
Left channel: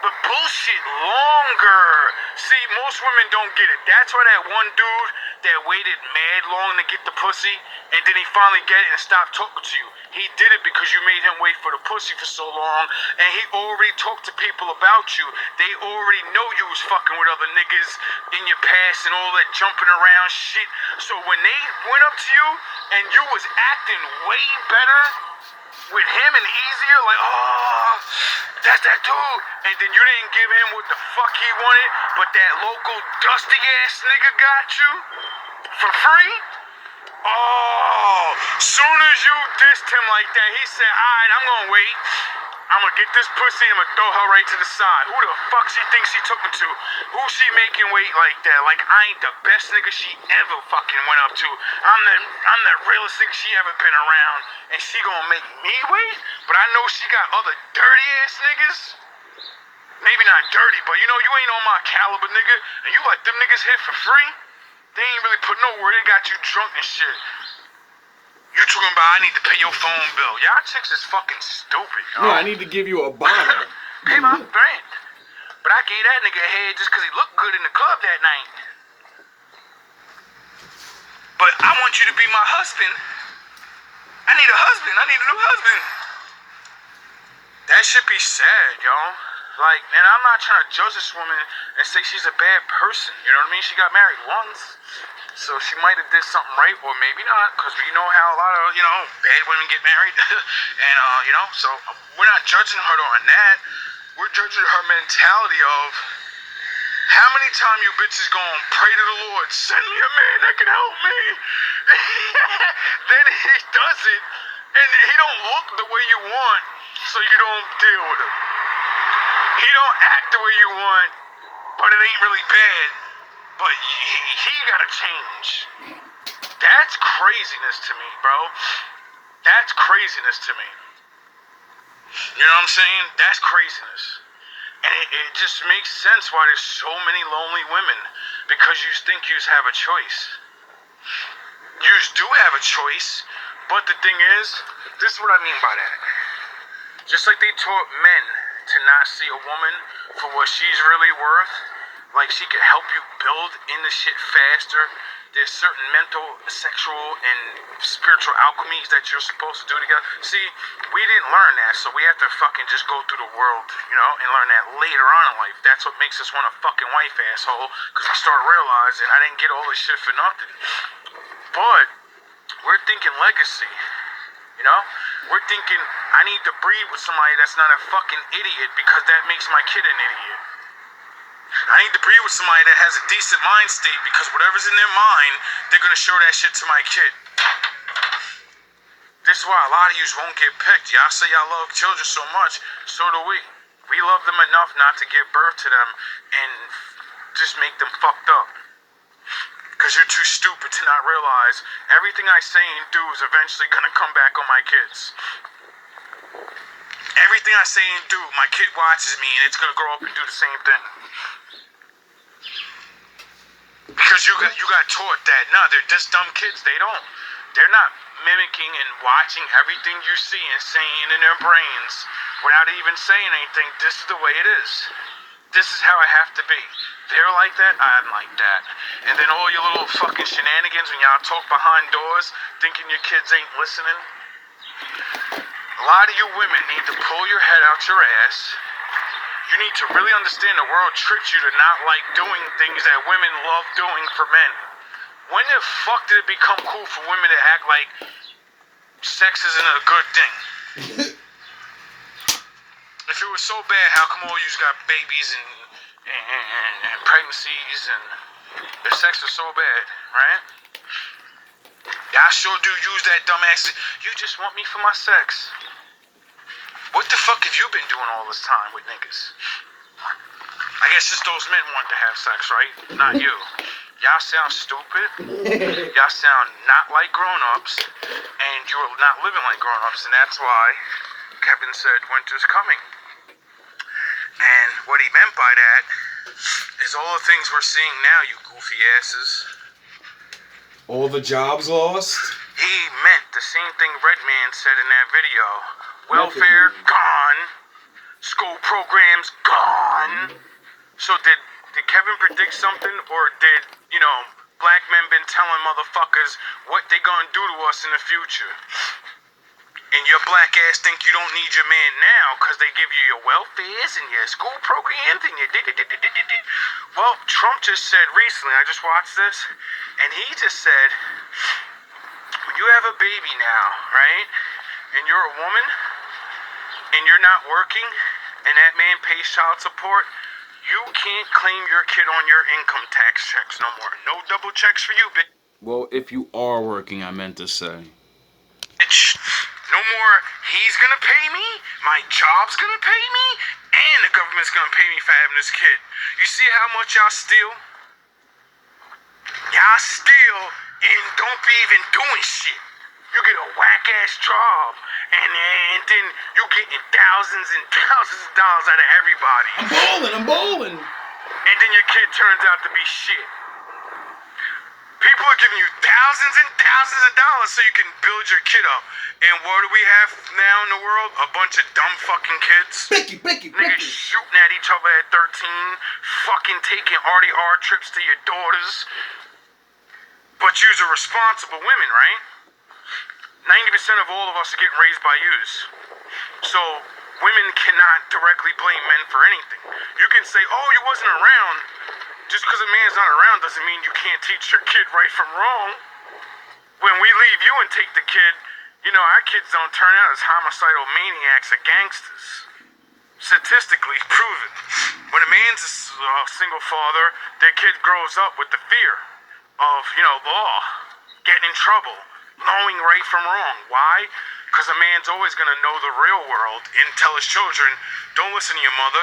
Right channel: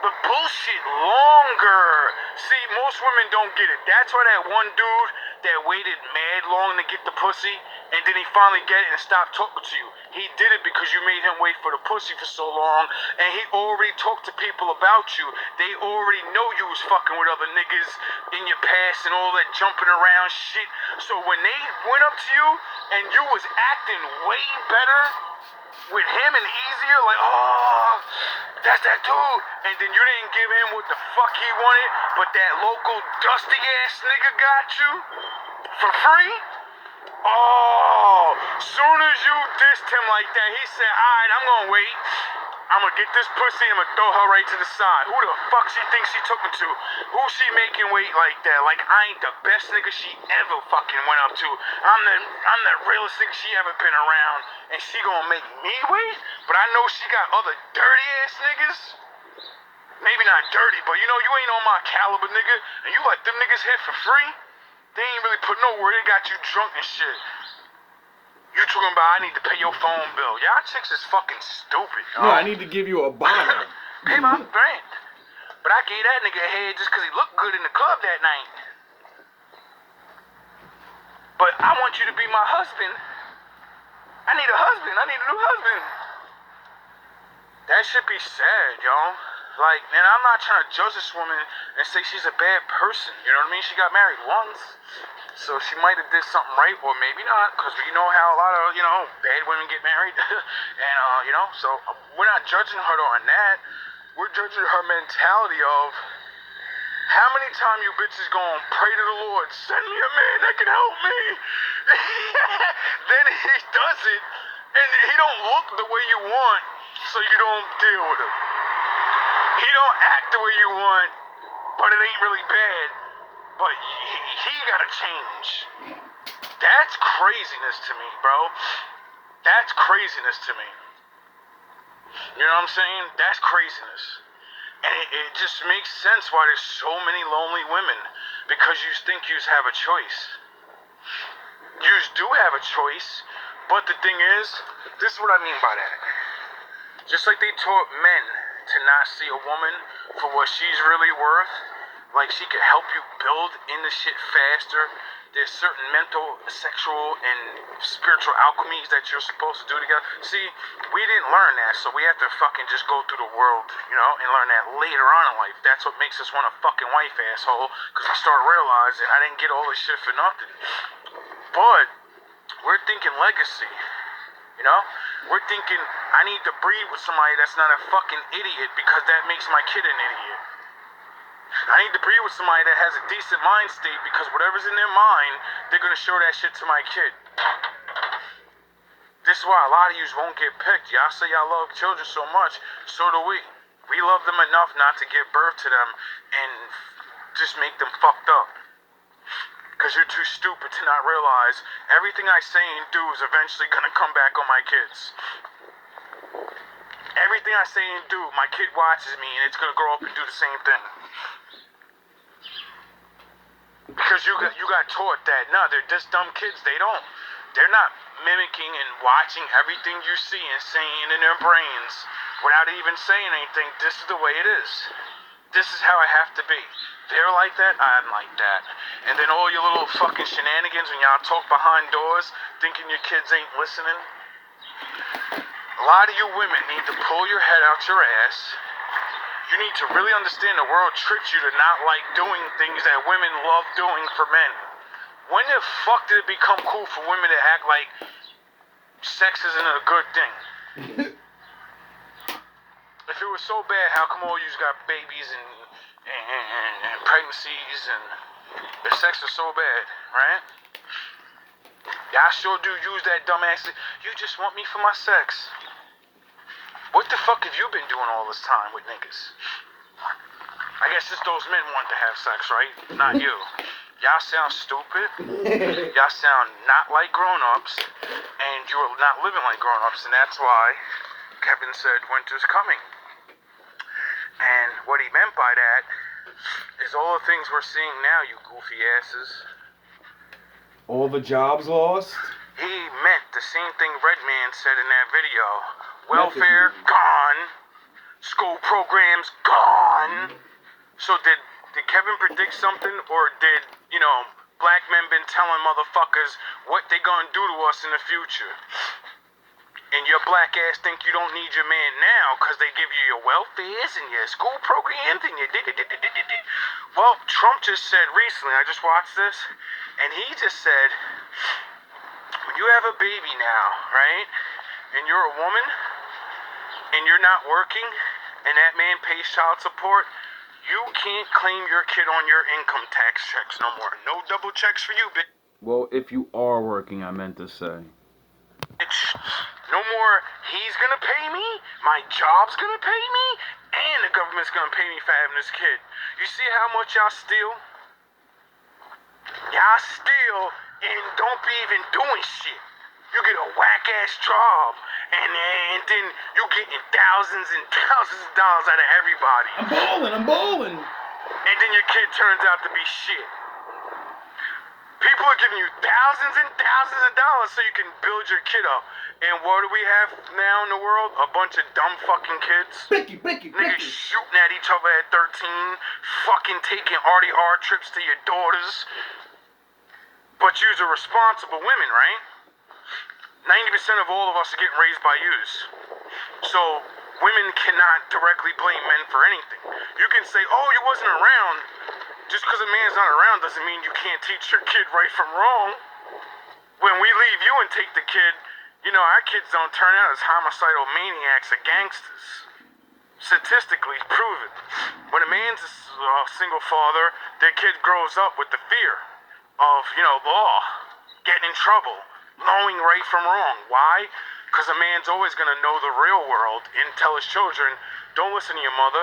the bullshit longer. See, most women don't get it. That's why that one dude that waited mad long to get the pussy, and then he finally get it and stopped talking to you. He did it because you made him wait for the pussy for so long, and he already talked to people about you. They already know you was fucking with other niggas in your past and all that jumping around shit. So when they went up to you and you was acting way better with him and easier, like, oh, that's that dude. And then you didn't give him what the fuck he wanted, but that local dusty ass nigga got you for free. Oh, soon as you dissed him like that, he said, alright, I'm gonna wait. I'm gonna get this pussy, I'm gonna throw her right to the side. Who the fuck she thinks she took me to? Who she making wait like that? Like I ain't the best nigga she ever fucking went up to. I'm the realest nigga she ever been around. And she gonna make me wait? But I know she got other dirty ass niggas. Maybe not dirty, but you know, you ain't on my caliber, nigga. And you let them niggas hit for free? They ain't really put no word, they got you drunk and shit. You talking about I need to pay your phone bill. Y'all chicks is fucking stupid, yo. No, I need to give you a bottle. Pay my rent. But I gave that nigga a head just because he looked good in the club that night. But I want you to be my husband. I need a husband. I need a new husband. That should be sad, yo. Like, and I'm not trying to judge this woman and say she's a bad person. You know what I mean? She got married once. So she might have did something right, or maybe not, because we know how a lot of, you know, bad women get married. And, you know, so we're not judging her on that. We're judging her mentality of how many times you bitches gonna pray to the Lord, send me a man that can help me. Then he does it, and he don't look the way you want, so you don't deal with him. He don't act the way you want, but it ain't really bad. But he gotta change. That's craziness to me, bro. That's craziness to me. You know what I'm saying? That's craziness. And it just makes sense why there's so many lonely women. Because you think you have a choice. You do have a choice. But the thing is, this is what I mean by that. Just like they taught men to not see a woman for what she's really worth, like she can help you build in the shit faster. There's certain mental, sexual, and spiritual alchemies that you're supposed to do together. See, we didn't learn that, so we have to fucking just go through the world, you know, and learn that later on in life. That's what makes us want a fucking wife, asshole, because we start realizing I didn't get all this shit for nothing. But we're thinking legacy, you know? We're thinking I need to breed with somebody that's not a fucking idiot because that makes my kid an idiot. I need to breed with somebody that has a decent mind state because whatever's in their mind, they're going to show that shit to my kid. This is why a lot of yous won't get picked. Y'all say y'all love children so much, so do we. We love them enough not to give birth to them and just make them fucked up. Because you're too stupid to not realize everything I say and do is eventually going to come back on my kids. Everything I say and do, my kid watches me and it's going to grow up and do the same thing. Because you got taught that, no, they're just dumb kids. They're not mimicking and watching everything you see and saying in their brains without even saying anything. This is the way it is. This is how I have to be. They're like that, I'm like that. And then all your little fucking shenanigans when y'all talk behind doors, thinking your kids ain't listening. A lot of you women need to pull your head out your ass You need to really understand the world tricks you to not like doing things that women love doing for men. When the fuck did it become cool for women to act like sex isn't a good thing? If it was so bad, how come all you got babies and pregnancies, and the sex is so bad, right? Y'all sure do use that dumbass. You just want me for my sex. What the fuck have you been doing all this time with niggas? I guess just those men want to have sex, right? Not you. Y'all sound stupid. Y'all sound not like grown-ups, and you're not living like grown-ups, and that's why Kevin said winter's coming. And what he meant by that is all the things we're seeing now, you goofy asses. All the jobs lost? He meant the same thing Redman said in that video. Welfare gone. School programs gone. So did Kevin predict something, or did, black men been telling motherfuckers what they gonna do to us in the future? And your black ass think you don't need your man now because they give you your welfares and your school programs and your Well, Trump just said recently, I just watched this, and he just said, when you have a baby now, right, and you're a woman, and you're not working, and that man pays child support, you can't claim your kid on your income tax checks no more. No double checks for you, bitch. Well, if you are working, I meant to say. Bitch. No more, he's gonna pay me, my job's gonna pay me, and the government's gonna pay me for having this kid. You see how much y'all steal? Y'all steal and don't be even doing shit. You get a whack-ass job, and then you getting thousands and thousands of dollars out of everybody. I'm bowling. And then your kid turns out to be shit. People are giving you thousands and thousands of dollars so you can build your kid up. And what do we have now in the world? A bunch of dumb fucking kids. Niggas shooting at each other at 13. Fucking taking RDR trips to your daughters. But you're responsible women, right? 90% of all of us are getting raised by yous. So women cannot directly blame men for anything. You can say, oh, you wasn't around. Just because a man's not around doesn't mean you can't teach your kid right from wrong. When we leave you and take the kid, our kids don't turn out as homicidal maniacs or gangsters. Statistically proven. When a man's a single father, their kid grows up with the fear of, law, getting in trouble, knowing right from wrong. Why? Because a man's always going to know the real world and tell his children, don't listen to your mother.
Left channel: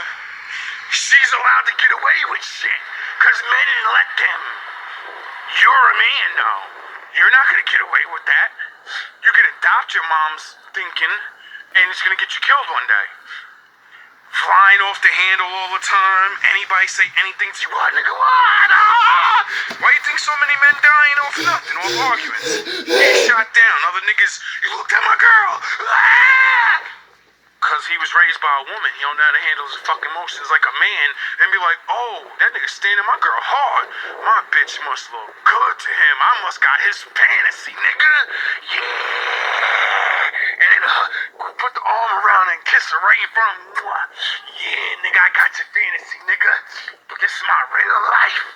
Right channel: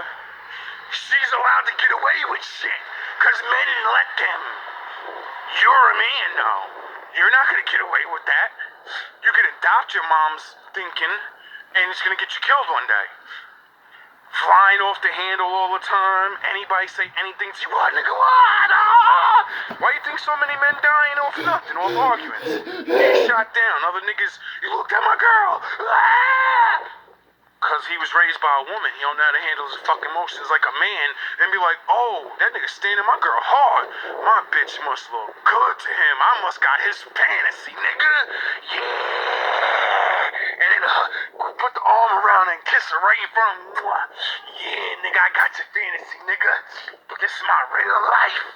She's allowed to get away with shit. Because men didn't let them. You're a man, though. You're not going to get away with that. You can adopt your mom's thinking, and it's going to get you killed one day. Flying off the handle all the time. Anybody say anything to you, what, nigga, what? Ah! Why you think so many men dying off nothing, off arguments? Getting shot down. Other niggas, you looked at my girl. Ah! Because he was raised by a woman. He don't know how to handle his fucking emotions like a man. And be like, oh, that nigga standing my girl hard. My bitch must look good to him. I must got his fantasy, nigga. Yeah. And then put the arm around and kiss her right in front of him. Yeah, nigga, I got your fantasy, nigga. But this is my real life.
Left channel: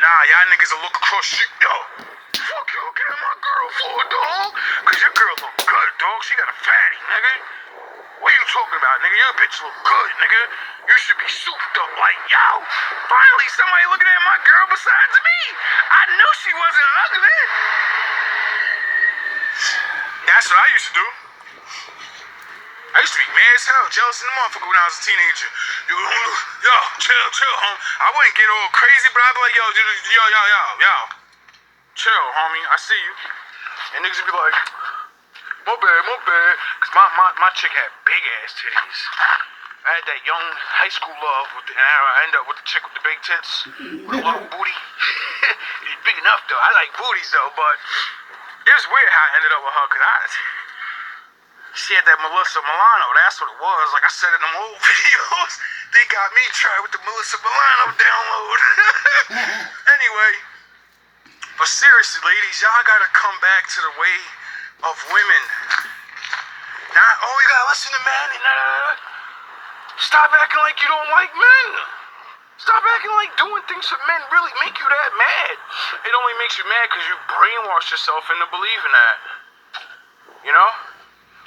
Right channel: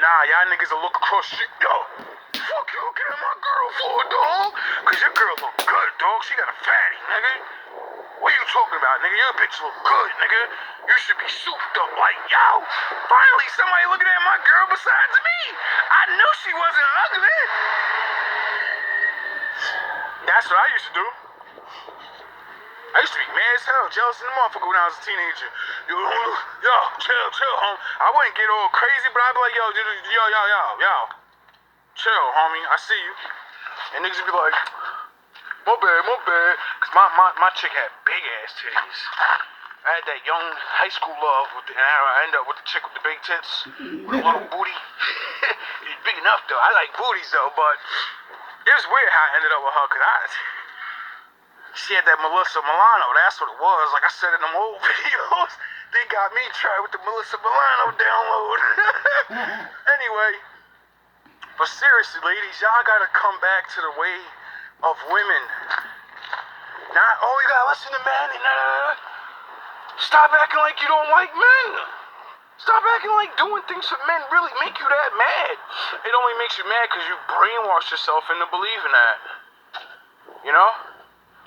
Nah, y'all niggas will look across shit, yo. Fuck you looking at my girl for, dog? Cause your girl look good, dog. She got a fatty, nigga. What are you talking about, nigga? Your bitch look good, nigga. You should be souped up like, yo. Finally, somebody looking at my girl besides me. I knew she wasn't ugly. That's what I used to do. I used to be mad as hell, jealous in the motherfucker when I was a teenager. Yo, chill, home. I wouldn't get all crazy, but I'd be like, yo. Chill, homie, I see you. And niggas would be like, my bad. Cause my chick had big ass titties. I had that young high school love, and I ended up with the chick with the big tits, with a little booty. It's big enough though, I like booties though, but it was weird how I ended up with her, cause she had that Melissa Milano, that's what it was. Like I said in them old videos, they got me tried with the Melissa Milano download. Anyway. But seriously, ladies, y'all gotta come back to the way of women. Not, oh, you gotta listen to men. Stop acting like you don't like men. Stop acting like doing things for men really make you that mad. It only makes you mad because you brainwash yourself into believing that. You know?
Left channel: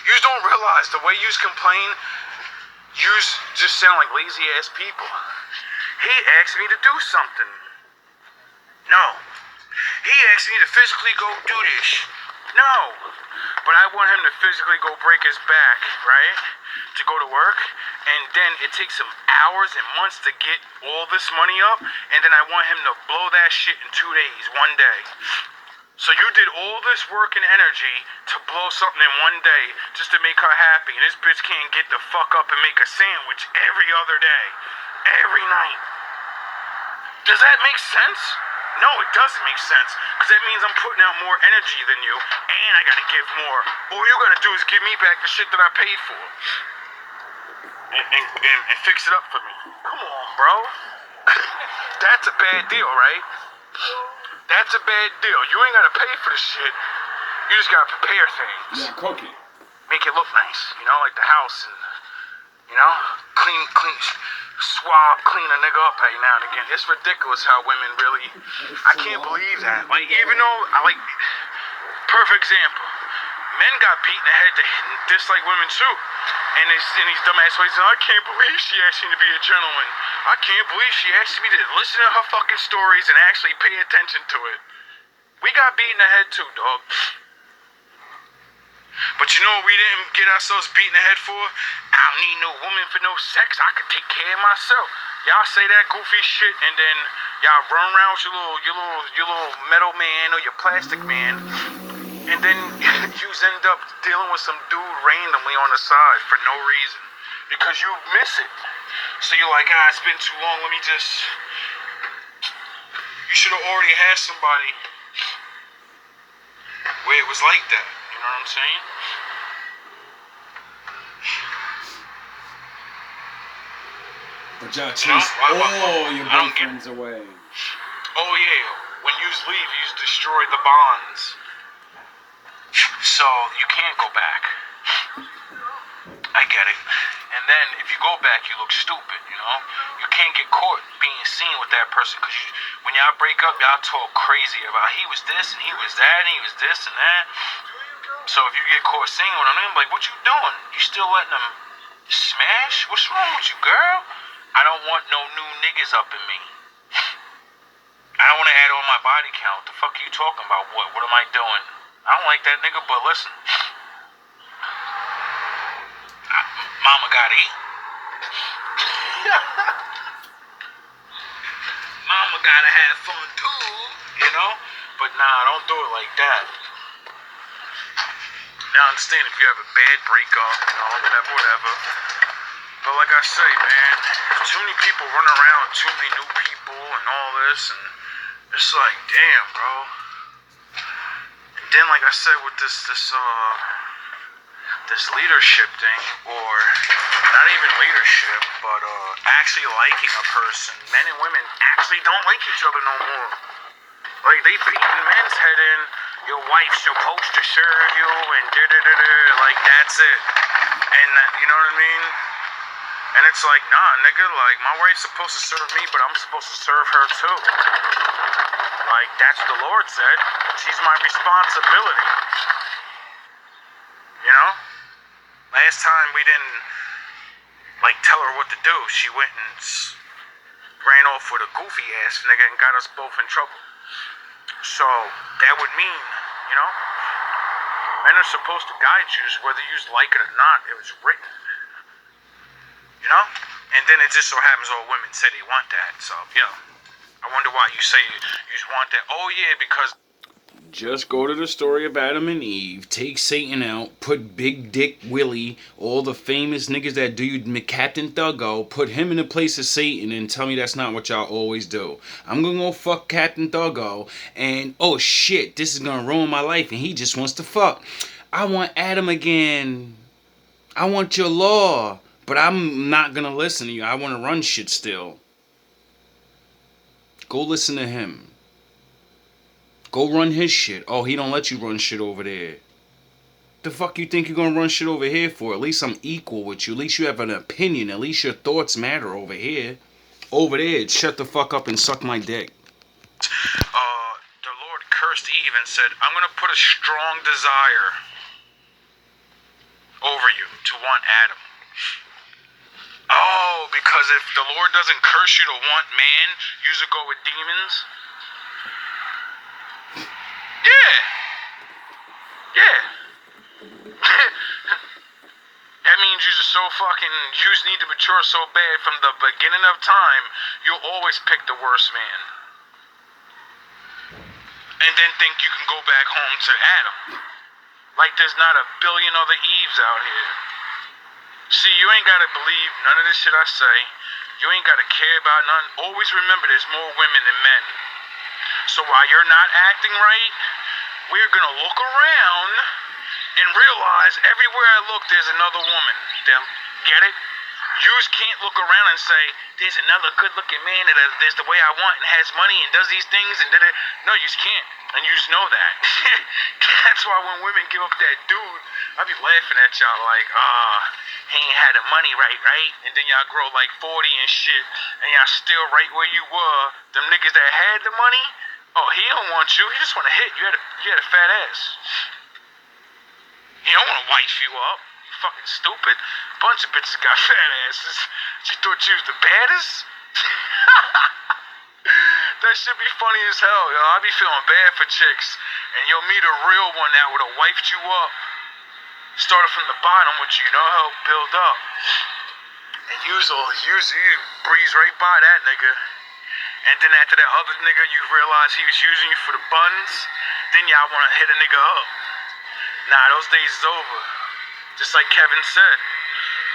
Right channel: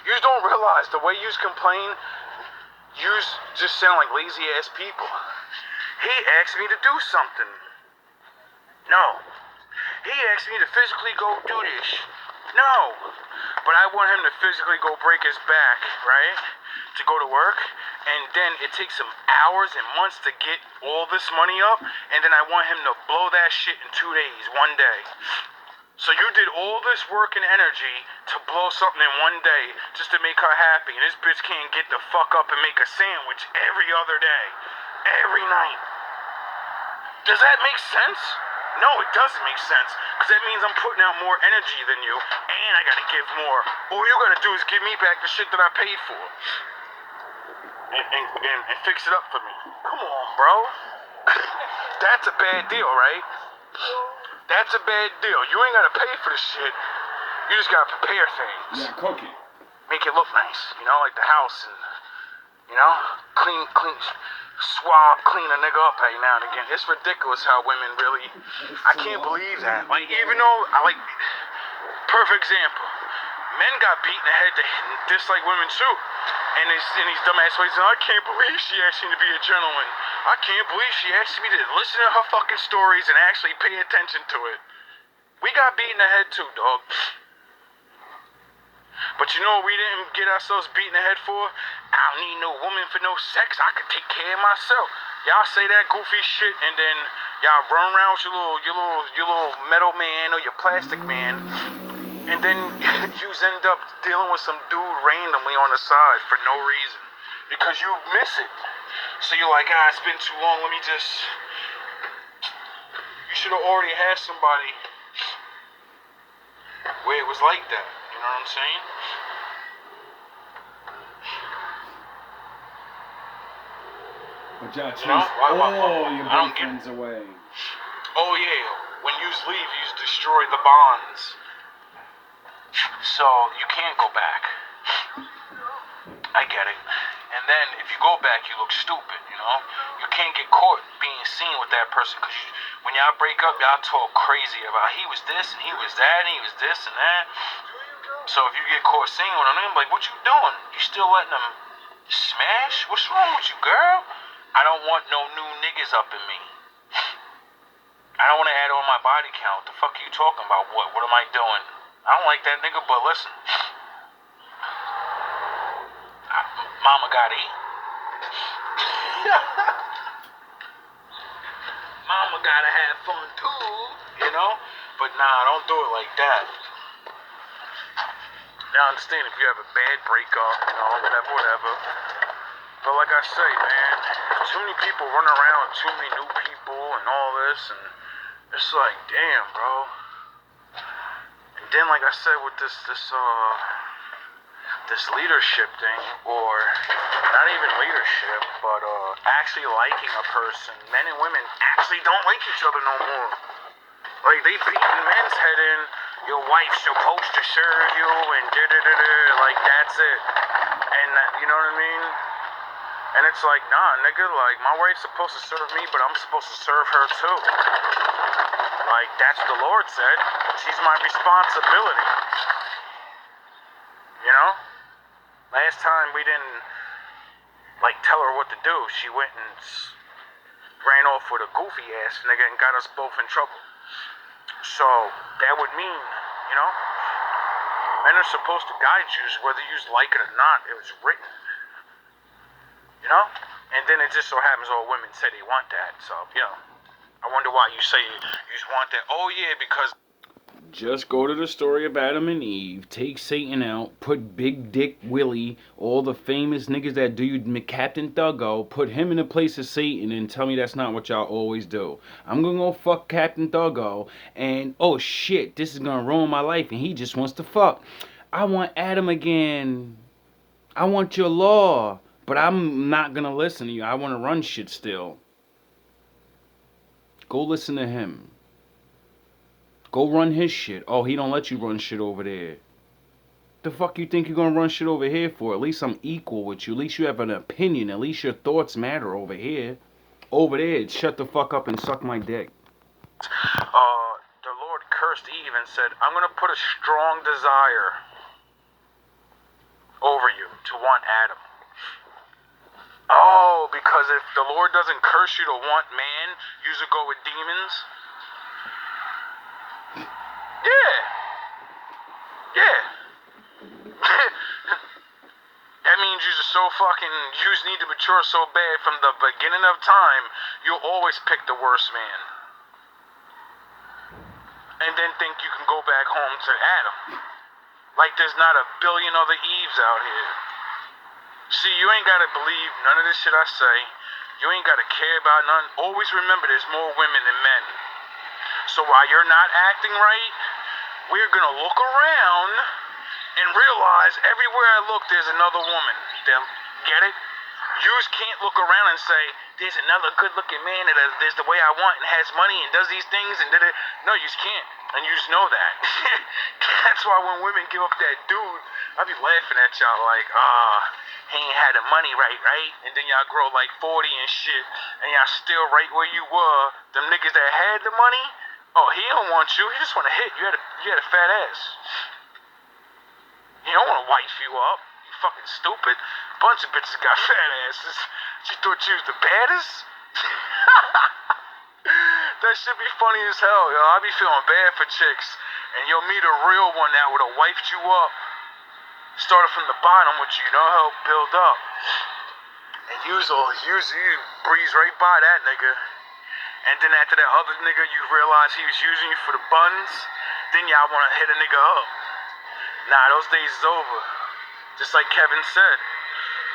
You don't realize the way you complain, you just sound like lazy ass people. He asked me to do something. No. He asked me to physically go do this. No. But I want him to physically go break his back, right? To go to work. And then it takes him hours and months to get all this money up. And then I want him to blow that shit in 2 days, 1 day. So you did all this work and energy to blow something in 1 day just to make her happy. And this bitch can't get the fuck up and make a sandwich every other day. Every night. Does that make sense? No, it doesn't make sense. Because that means I'm putting out more energy than you. And I gotta give more. All you gotta do is give me back the shit that I paid for. And fix it up for me. Come on, bro. That's a bad deal, right? That's a bad deal. You ain't gotta pay for the shit. You just gotta prepare things. Yeah, cook it. Make it look nice, you know, like the house and, you know, clean, swab, clean a nigga up every now and again. It's ridiculous how women really, I can't believe that. Like, even though, perfect example. Men got beat in the head to dislike women too. And these dumbass ways, I can't believe she asked me to be a gentleman. I can't believe she asked me to listen to her fucking stories and actually pay attention to it. We got beat in the head too, dog. But you know what we didn't get ourselves beat in the head for? I don't need no woman for no sex. I can take care of myself. Y'all say that goofy shit and then y'all run around with your little metal man or your plastic man. And then you end up dealing with some dude randomly on the side for no reason. Because you miss it. So you're like, it's been too long, let me just... You should have already had somebody where it was like that. You know what I'm saying? But y'all chase all your boyfriends away. Oh yeah, when you leave, you destroy the bonds. So you can't go back. I get it. And then if you go back, you look stupid, you know? You can't get caught being seen with that person because when y'all break up, y'all talk crazy about he was this and he was that and he was this and that. So if you get caught singing with him, like, what you doing? You still letting him smash? What's wrong with you, girl? I don't want no new niggas up in me. I don't want to add on my body count. The fuck are you talking about? What am I doing? I don't like that nigga, but listen. Mama gotta eat. Mama gotta have fun too, you know? But nah, don't do it like that. Now I understand if you have a bad breakup, you know, whatever. But like I say, man, too many people running around with too many new people and all this, and it's like, damn, bro. And then, like I said, with this leadership thing, or not even leadership, but actually liking a person, men and women actually don't like each other no more. Like, they beating men's head in, your wife's supposed to serve you, and like, that's it. And, you know what I mean? And it's like, nah, nigga, like, my wife's supposed to serve me, but I'm supposed to serve her too. Like, that's what the Lord said. She's my responsibility. You know? Last time we didn't, like, tell her what to do. She went and ran off with a goofy ass nigga and got us both in trouble. So, that would mean, you know, men are supposed to guide you whether you like it or not. It was written. You know? And then it just so happens all women say they want that. So, you know, I wonder why you say you just want that. Oh, yeah, because... Just go to the story of Adam and Eve, take Satan out, put Big Dick Willie, all the famous niggas that do Captain Thuggo, put him in the place of Satan and tell me that's not what y'all always do. I'm gonna go fuck Captain Thuggo and, oh shit, this is gonna ruin my life and he just wants to fuck. I want Adam again. I want your law, but I'm not gonna listen to you. I want to run shit still. Go listen to him. Go run his shit. Oh, he don't let you run shit over there. The fuck you think you're gonna run shit over here for? At least I'm equal with you. At least you have an opinion. At least your thoughts matter over here. Over there, it's shut the fuck up and suck my dick. The Lord cursed Eve and said, I'm gonna put a strong desire over you to want Adam. Oh, because if the Lord doesn't curse you to want man, you should go with demons? Yeah. Yeah. That means you just so fucking, you just need to mature so bad from the beginning of time, you'll always pick the worst man. And then think you can go back home to Adam. Like there's not a billion other Eves out here. See, you ain't gotta believe none of this shit I say. You ain't gotta care about none. Always remember there's more women than men. So while you're not acting right, we're gonna look around and realize everywhere I look there's another woman. Get it? You just can't look around and say, there's another good looking man that is the way I want and has money and does these things and did it. No, you just can't. And you just know that. That's why when women give up that dude, I be laughing at y'all like, he ain't had the money right? And then y'all grow like 40 and shit, and y'all still right where you were. Them niggas that had the money, oh, he don't want you. He just want to hit. You had a fat ass. He don't want to wife you up. You fucking stupid. Bunch of bitches got fat asses. She thought she was the baddest? That should be funny as hell, yo. I be feeling bad for chicks. And you'll meet a real one that would've wiped you up. Started from the bottom, which you know help build up. And you breeze right by that nigga. And then after that other nigga, you realize he was using you for the buns. Then y'all wanna hit a nigga up. Nah, those days is over. Just like Kevin said,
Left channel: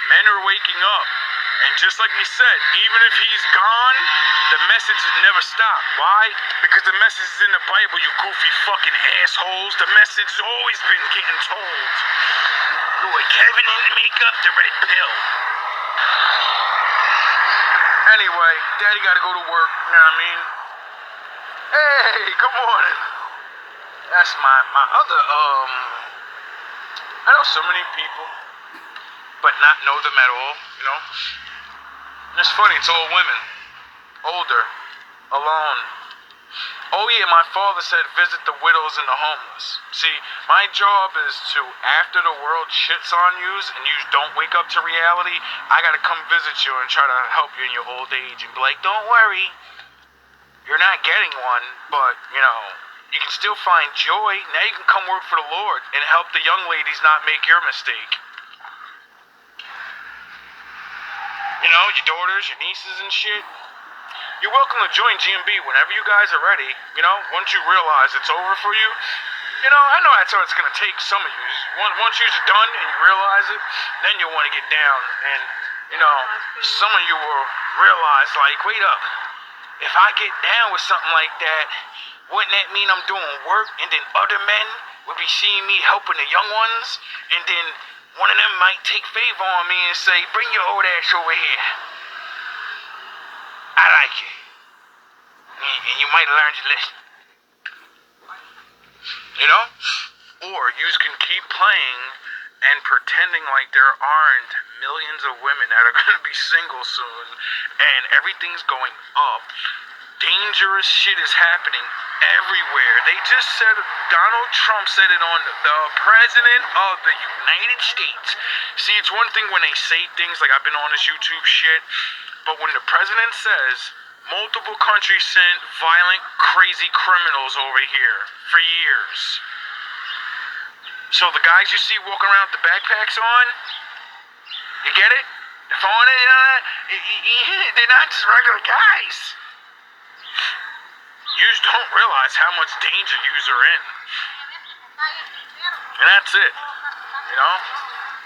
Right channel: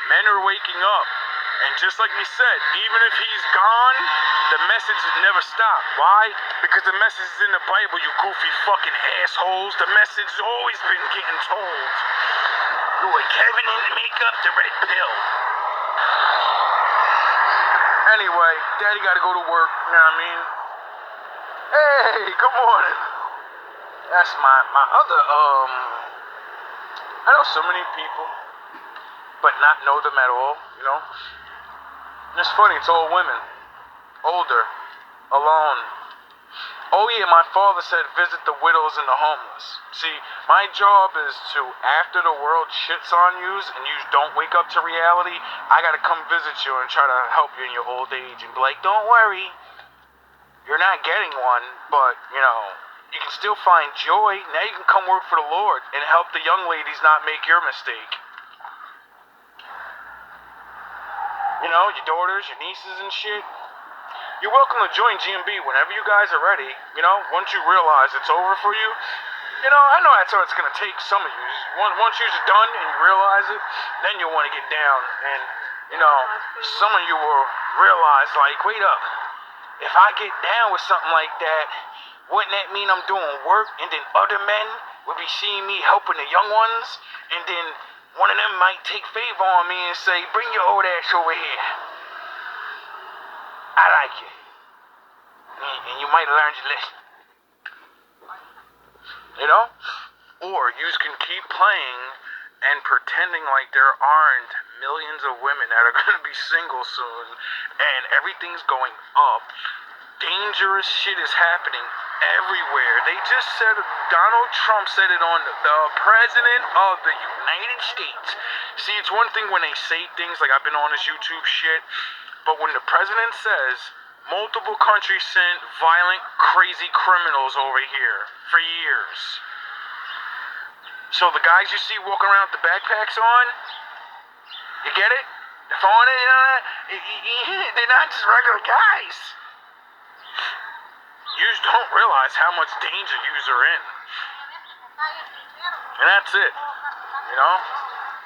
men are waking up. And just like we said, even if he's gone, the message will never stop. Why? Because the message is in the Bible, you goofy fucking assholes. The message has always been getting told. Boy, Kevin didn't make up the red pill. Anyway, Daddy gotta go to work, you know what I mean? Hey, good morning. That's my other, I know so many people, but not know them at all, you know? And it's funny, it's all women. Older. Alone. Oh yeah, my father said visit the widows and the homeless. See, my job is to, after the world shits on you and you don't wake up to reality, I gotta come visit you and try to help you in your old age and be like, don't worry, you're not getting one, but, you know, you can still find joy. Now you can come work for the Lord and help the young ladies not make your mistake. You know, your daughters, your nieces and shit. You're welcome to join GMB whenever you guys are ready. You know, once you realize it's over for you. You know, I know that's how it's going to take some of you. Once you're done and you realize it, then you'll want to get down. And, you know, some of you will realize, like, wait up. If I get down with something like that, wouldn't that mean I'm doing work? And then other men would be seeing me helping the young ones? And then one of them might take favor on me and say, bring your old ass over here. I like you. And you might have learned your lesson. You know? Or you can keep playing and pretending like there aren't millions of women that are going to be single soon and everything's going up. Dangerous shit is happening everywhere. They just said, Donald Trump said it on the President of the United States. See, it's one thing when they say things like I've been on this YouTube shit, but when the president says multiple countries sent violent, crazy criminals over here for years. So the guys you see walking around with the backpacks on, you get it? They're on it, they're not just regular guys. You just don't realize how much danger yous are in. And that's it. You know?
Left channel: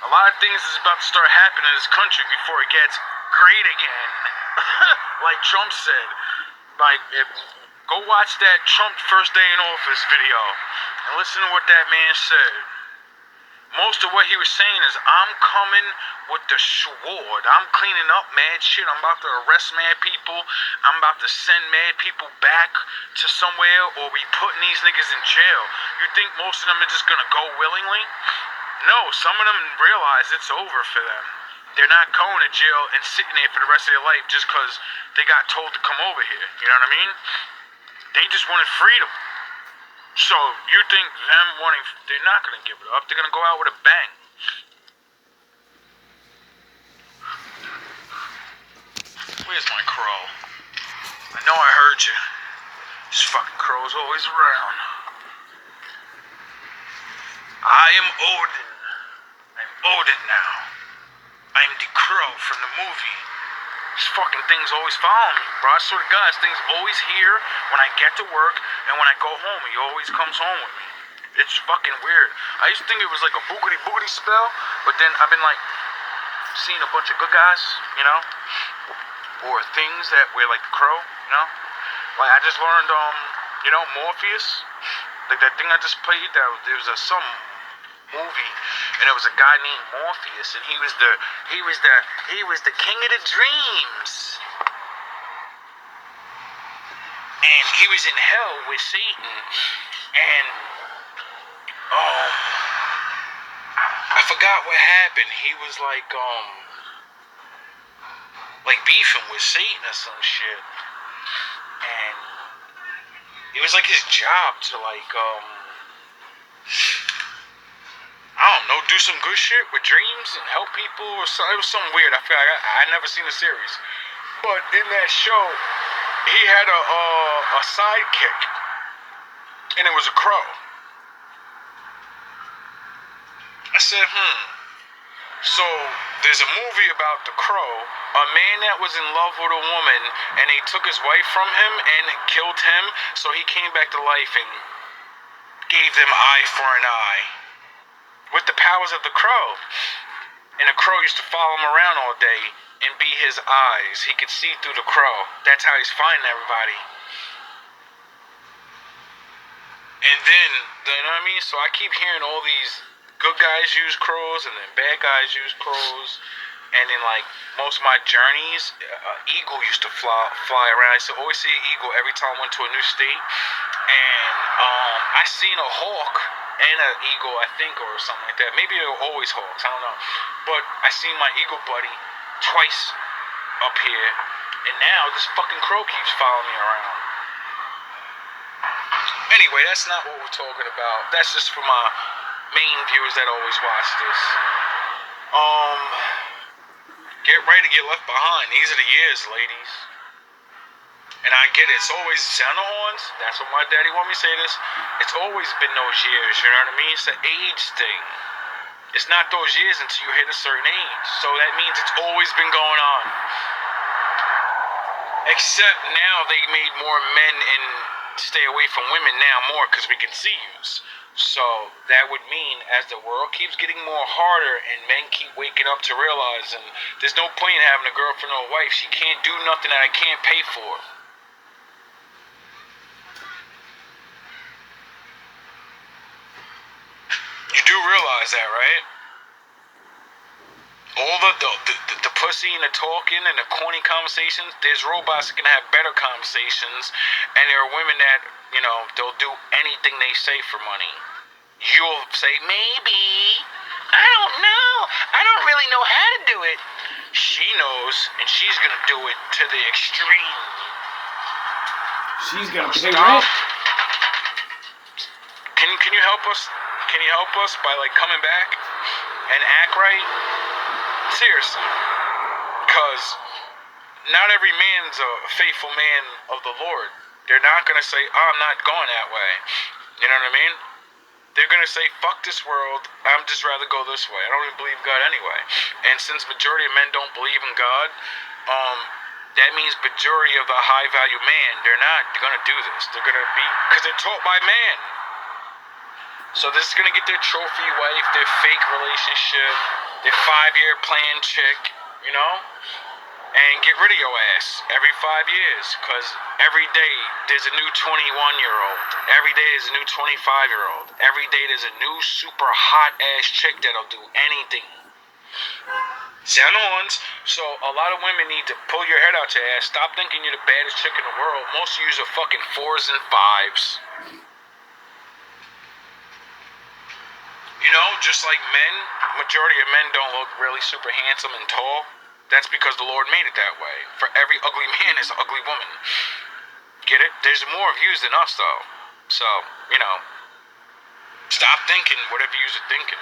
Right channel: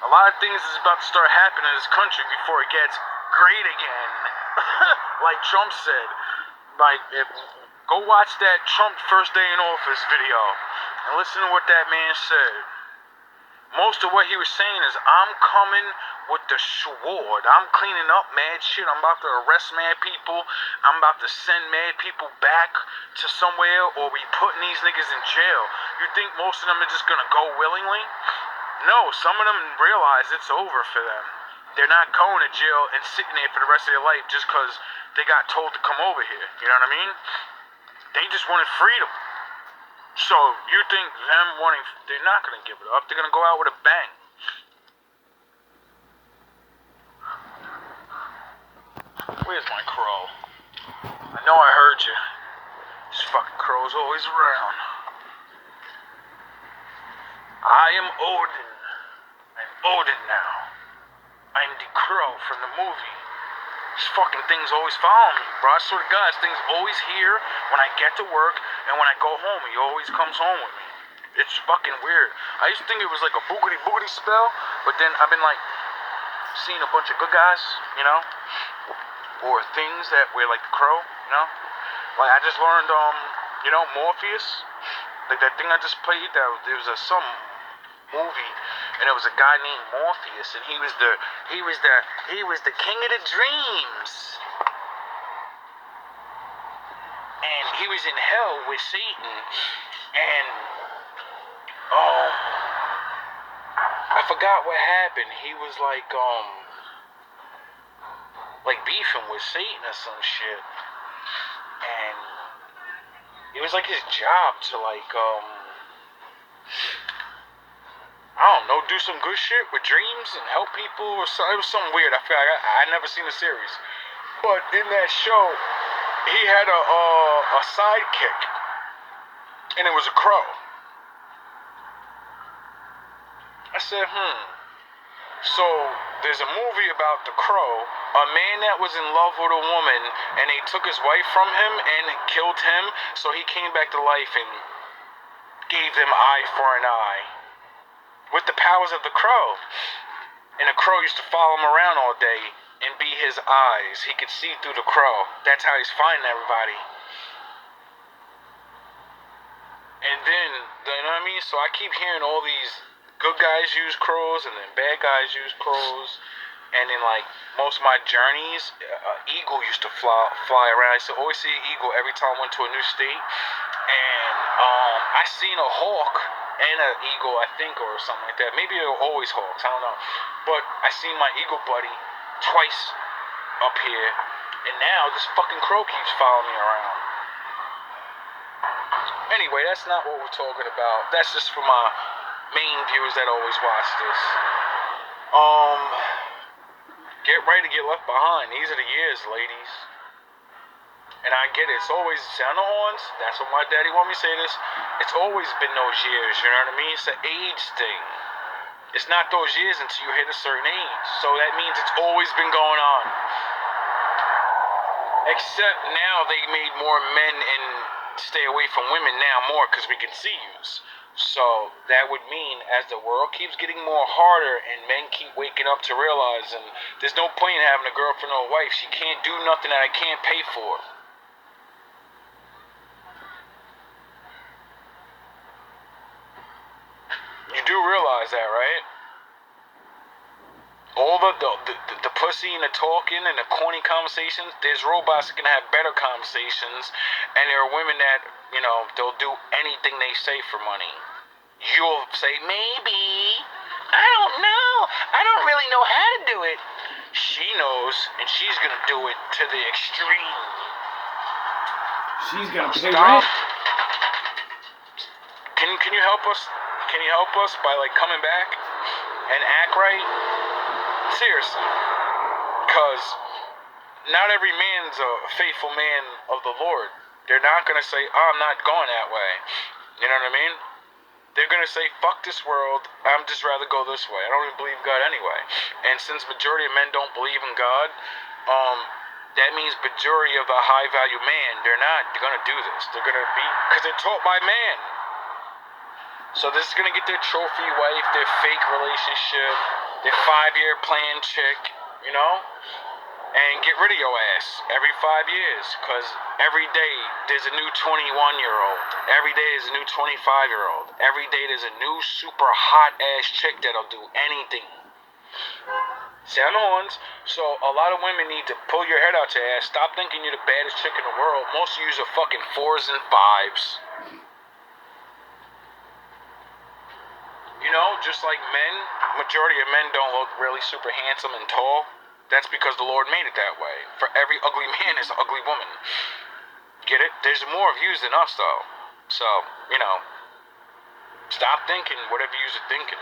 A lot of things is about to start happening in this country before it gets great again. Like Trump said. Like, go watch that Trump first day in office video and listen to what that man said. Most of what he was saying is, I'm coming with the sword. I'm cleaning up mad shit. I'm about to arrest mad people. I'm about to send mad people back to somewhere, or we putting these niggas in jail. You think most of them are just gonna go willingly? No, some of them realize it's over for them. They're not going to jail and sitting there for the rest of their life just because they got told to come over here. You know what I mean? They just wanted freedom. So you think them wanting, they're not going to give it up. They're going to go out with a bang. Where's my crow? I know I heard you. This fucking crow's always around. I am Odin. I'm Odin now. I'm the crow from the movie. This fucking thing's always following me, bro. I swear to God, this thing's always here when I get to work and when I go home. He always comes home with me. It's fucking weird. I used to think it was like a boogity boogity spell, but then I've been like seeing a bunch of good guys, you know, or things that were like the crow, you know. Like I just learned, you know, Morpheus, like that thing I just played. That there was some movie, and it was a guy named Morpheus, and he was the king of the dreams, and he was in hell with Satan, and I forgot what happened. He was like beefing with Satan or some shit, and it was like his job to like I don't know, do some good shit with dreams and help people or something. It was something weird. I feel like I never seen the series, but in that show, he had a sidekick, and it was a crow. I said, So there's a movie about the crow, a man that was in love with a woman, and they took his wife from him and killed him, so he came back to life and gave them eye for an eye. With the powers of the crow. And the crow used to follow him around all day and be his eyes. He could see through the crow. That's how he's finding everybody. And then, you know what I mean? So I keep hearing all these good guys use crows and then bad guys use crows. And in like most of my journeys, eagle used to fly around. I used to always see an eagle every time I went to a new state. And I seen a hawk and an eagle, I think, or something like that. Maybe they're always hawks, I don't know. But I seen my eagle buddy twice up here, and now this fucking crow keeps following me around. Anyway, that's not what we're talking about. That's just for my main viewers that always watch this. Get ready to get left behind. These are the years, ladies. And I get it. It's always sound the horns. That's what my daddy wanted me to say this. It's always been those years, you know what I mean? It's an age thing. It's not those years until you hit a certain age. So that means it's always been going on. Except now they made more men and stay away from women now more because we can see yous. So that would mean as the world keeps getting more harder and men keep waking up to realizing there's no point in having a girlfriend or a wife. She can't do nothing that I can't pay for. You do realize that, right? All the pussy and the talking and the corny conversations, there's robots that can have better conversations, and there are women that, you know, they'll do anything they say for money. You'll say, maybe, I don't know, I don't really know how to do it. She knows, and she's gonna do it to the extreme. She's gonna pay rent. Can you help us? Can you help us by like coming back and act right? Seriously, because not every man's a faithful man of the Lord. They're not gonna say, "Oh, I'm not going that way." You know what I mean? They're gonna say, "Fuck this world. I'm just rather go this way. I don't even believe God anyway." And since majority of men don't believe in God, that means majority of the high value man, they're gonna do this. They're gonna be, because they're taught by man. So this is gonna get their trophy wife, their fake relationship, their 5-year plan chick, you know, and get rid of your ass every 5 years, because every day there's a new 21-year-old. Every day there's a new 25-year-old. Every day there's a new super hot ass chick that'll do anything. Sound the horns. So a lot of women need to pull your head out your ass. Stop thinking you're the baddest chick in the world. Most of you are fucking 4s and 5s. You know, just like men, majority of men don't look really super handsome and tall. That's because the Lord made it that way. For every ugly man is an ugly woman. Get it? There's more views than us, though. So, you know, stop thinking whatever you're thinking.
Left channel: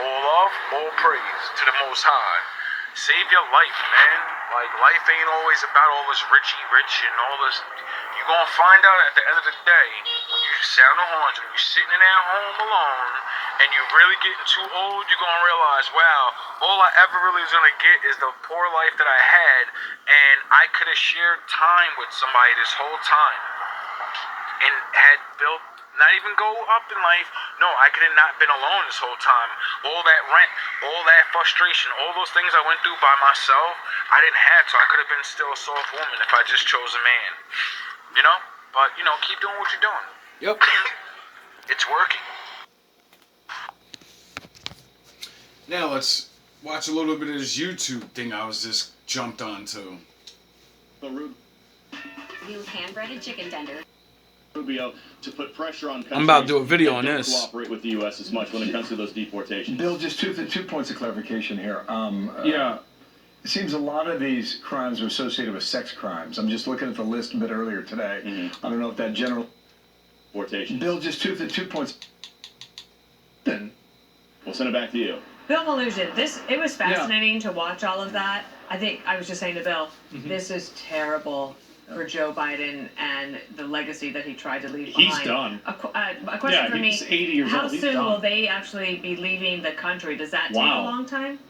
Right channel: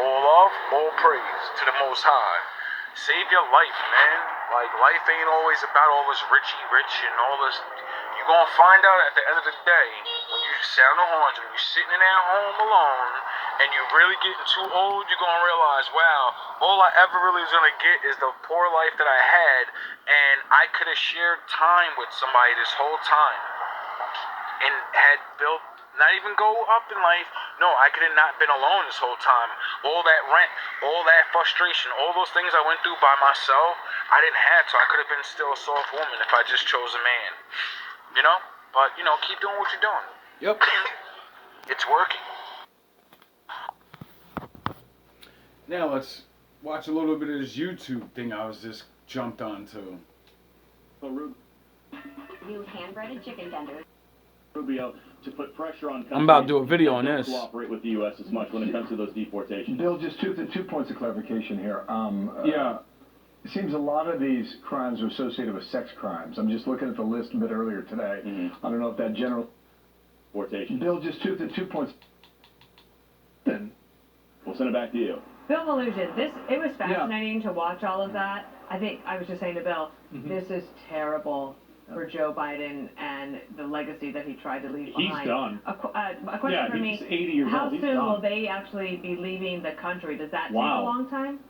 All love, all praise to the Most High. Save your life, man. Like, life ain't always about all this rich and all this. You're gonna find out at the end of the day, when you sound the horns, when you're sitting at home alone, and you're really getting too old, you're gonna realize, wow, all I ever really was gonna get is the poor life that I had, and I could have shared time with somebody this whole time, and had built, not even go up in life. No, I could have not been alone this whole time. All that rent, all that frustration, all those things I went through by myself, I didn't have to. I could have been still a soft woman if I just chose a man. You know? But, you know, keep doing what you're doing. Yep. It's working. Now let's watch a little bit of this YouTube thing I was just jumped onto. New hand-breaded chicken tender. Rubio to put pressure on countries I'm about to do a video that on don't this. cooperate with the U.S. as much when it comes to those deportations. Bill, just two points of clarification here. Yeah. It seems a lot of these crimes are associated with sex crimes. I'm just looking at the list a bit earlier today. I don't know if that general... Deportations. Bill, just two points. We'll send it back to you. Bill Mallusion, it was fascinating to watch all of that. I think I was just saying to Bill, this is terrible for Joe Biden and the legacy that he tried to leave behind. He's done. A question for me. He's 80 years How old. He's soon done. will they actually be leaving the country? Does that take a Wow. long time?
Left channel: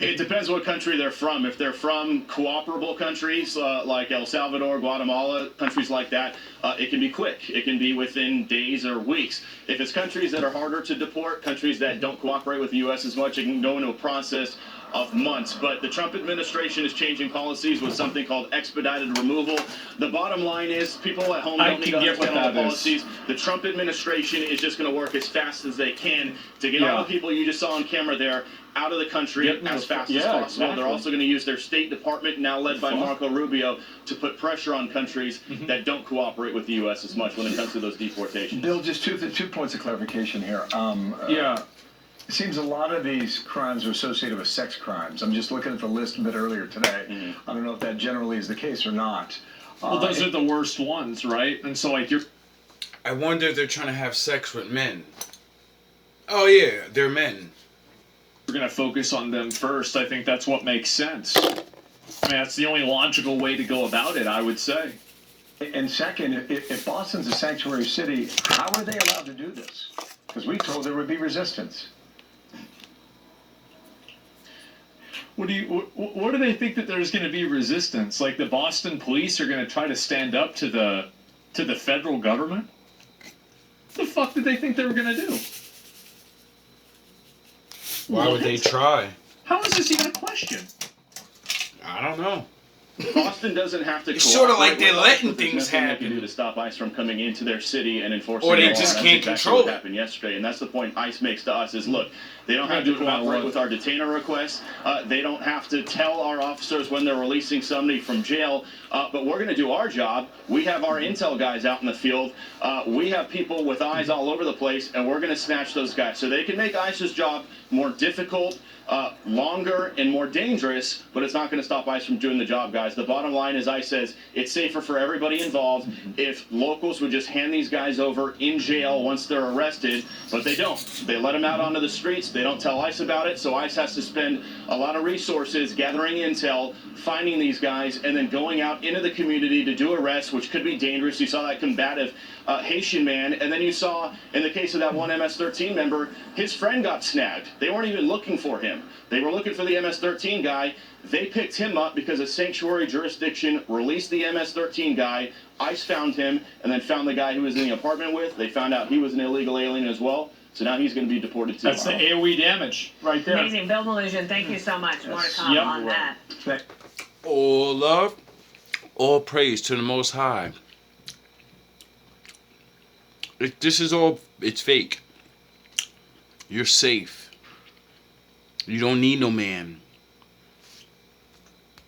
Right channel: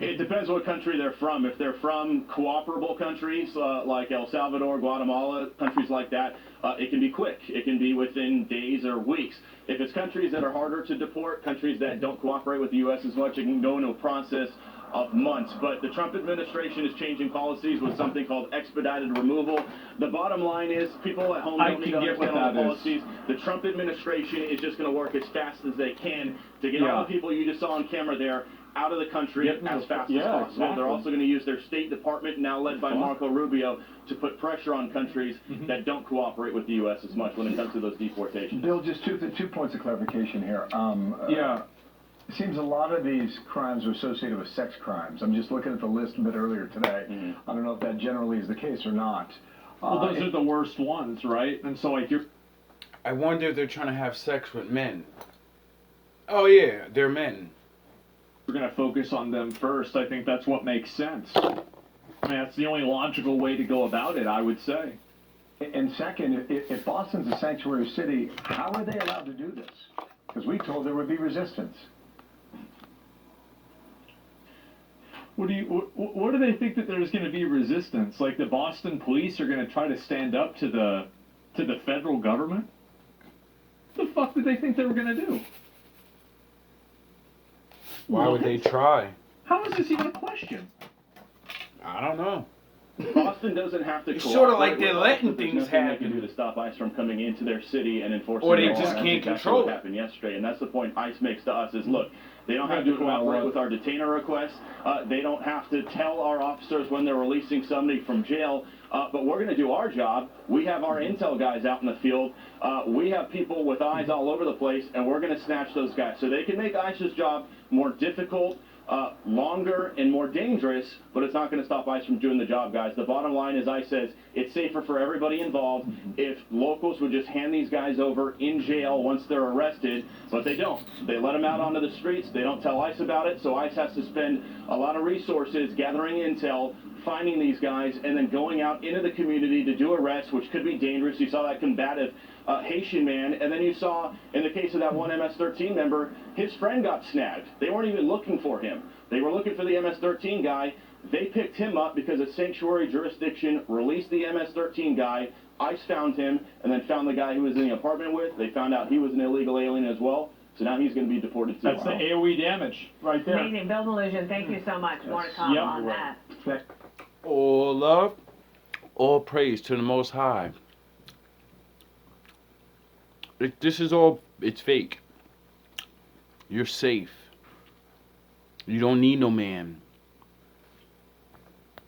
It depends what country they're from. If they're from cooperable countries like El Salvador, Guatemala, countries like that, it can be quick. It can be within days or weeks. If it's countries that are harder to deport, countries that don't cooperate with the U.S. as much, it can go into a process of months. But the Trump administration is changing policies with something called expedited removal. The bottom line is people at home don't need to understand all the policies. The Trump administration is just going to work as fast as they can to get all the people you just saw on camera there out of the country as fast as possible. Exactly. They're also going to use their State Department, now led by Marco Rubio, to put pressure on countries that don't cooperate with the U.S. as much when it comes to those deportations. Bill, just two points of clarification here. It seems a lot of these crimes are associated with sex crimes. I'm just looking at the list a bit earlier today. I don't know if that generally is the case or not. Well, those are the worst ones, right? And so, like, you're... I wonder if they're trying to have sex with men. Oh yeah, they're men. We're going to focus on them first. I think that's what makes sense. I mean, that's the only logical way to go about it, I would say. And second, if Boston's a sanctuary city, how are they allowed to do this? Because we told there would be resistance. What do they think that there's going to be resistance? Like the Boston police are going to try to stand up to the federal government? What the fuck did they think they were going to do? Why would they try? How is this even a question? I don't know. Boston doesn't have to. It's sort of like cooperate they're with letting us, but there's things nothing they can do happen. to stop ICE from coming into their city and enforcing Or they the law. just That's can't exactly control what it. happened yesterday, and that's the point ICE makes to us: is look, they don't have to cooperate with our detainer requests. They don't have to tell our officers when they're releasing somebody from jail. But we're going to do our job. We have our intel guys out in the field. We have people with eyes all over the place, and we're going to snatch those guys so they can make ICE's job more difficult. Longer and more dangerous, but it's not going to stop ICE from doing the job, guys. The bottom line is ICE says it's safer for everybody involved if locals would just hand these guys over in jail once they're arrested, but they don't. They let them out onto the streets. They don't tell ICE about it, so ICE has to spend a lot of resources gathering intel, finding these guys, and then going out into the community to do arrests, which could be dangerous. You saw that combative Haitian man, and then you saw, in the case of that one MS-13 member, his friend got snagged. They weren't even looking for him. They were looking for the MS-13 guy. They picked him up because a sanctuary jurisdiction released the MS-13 guy. ICE found him, and then found the guy who was in the apartment with. They found out he was an illegal alien as well, so now he's going to be deported too. That's the AOE damage right there. Amazing. Bill Mallusion, thank you so much. More to come on that. All love, all praise to the Most High. This is all, it's fake. You're safe. You don't need no man.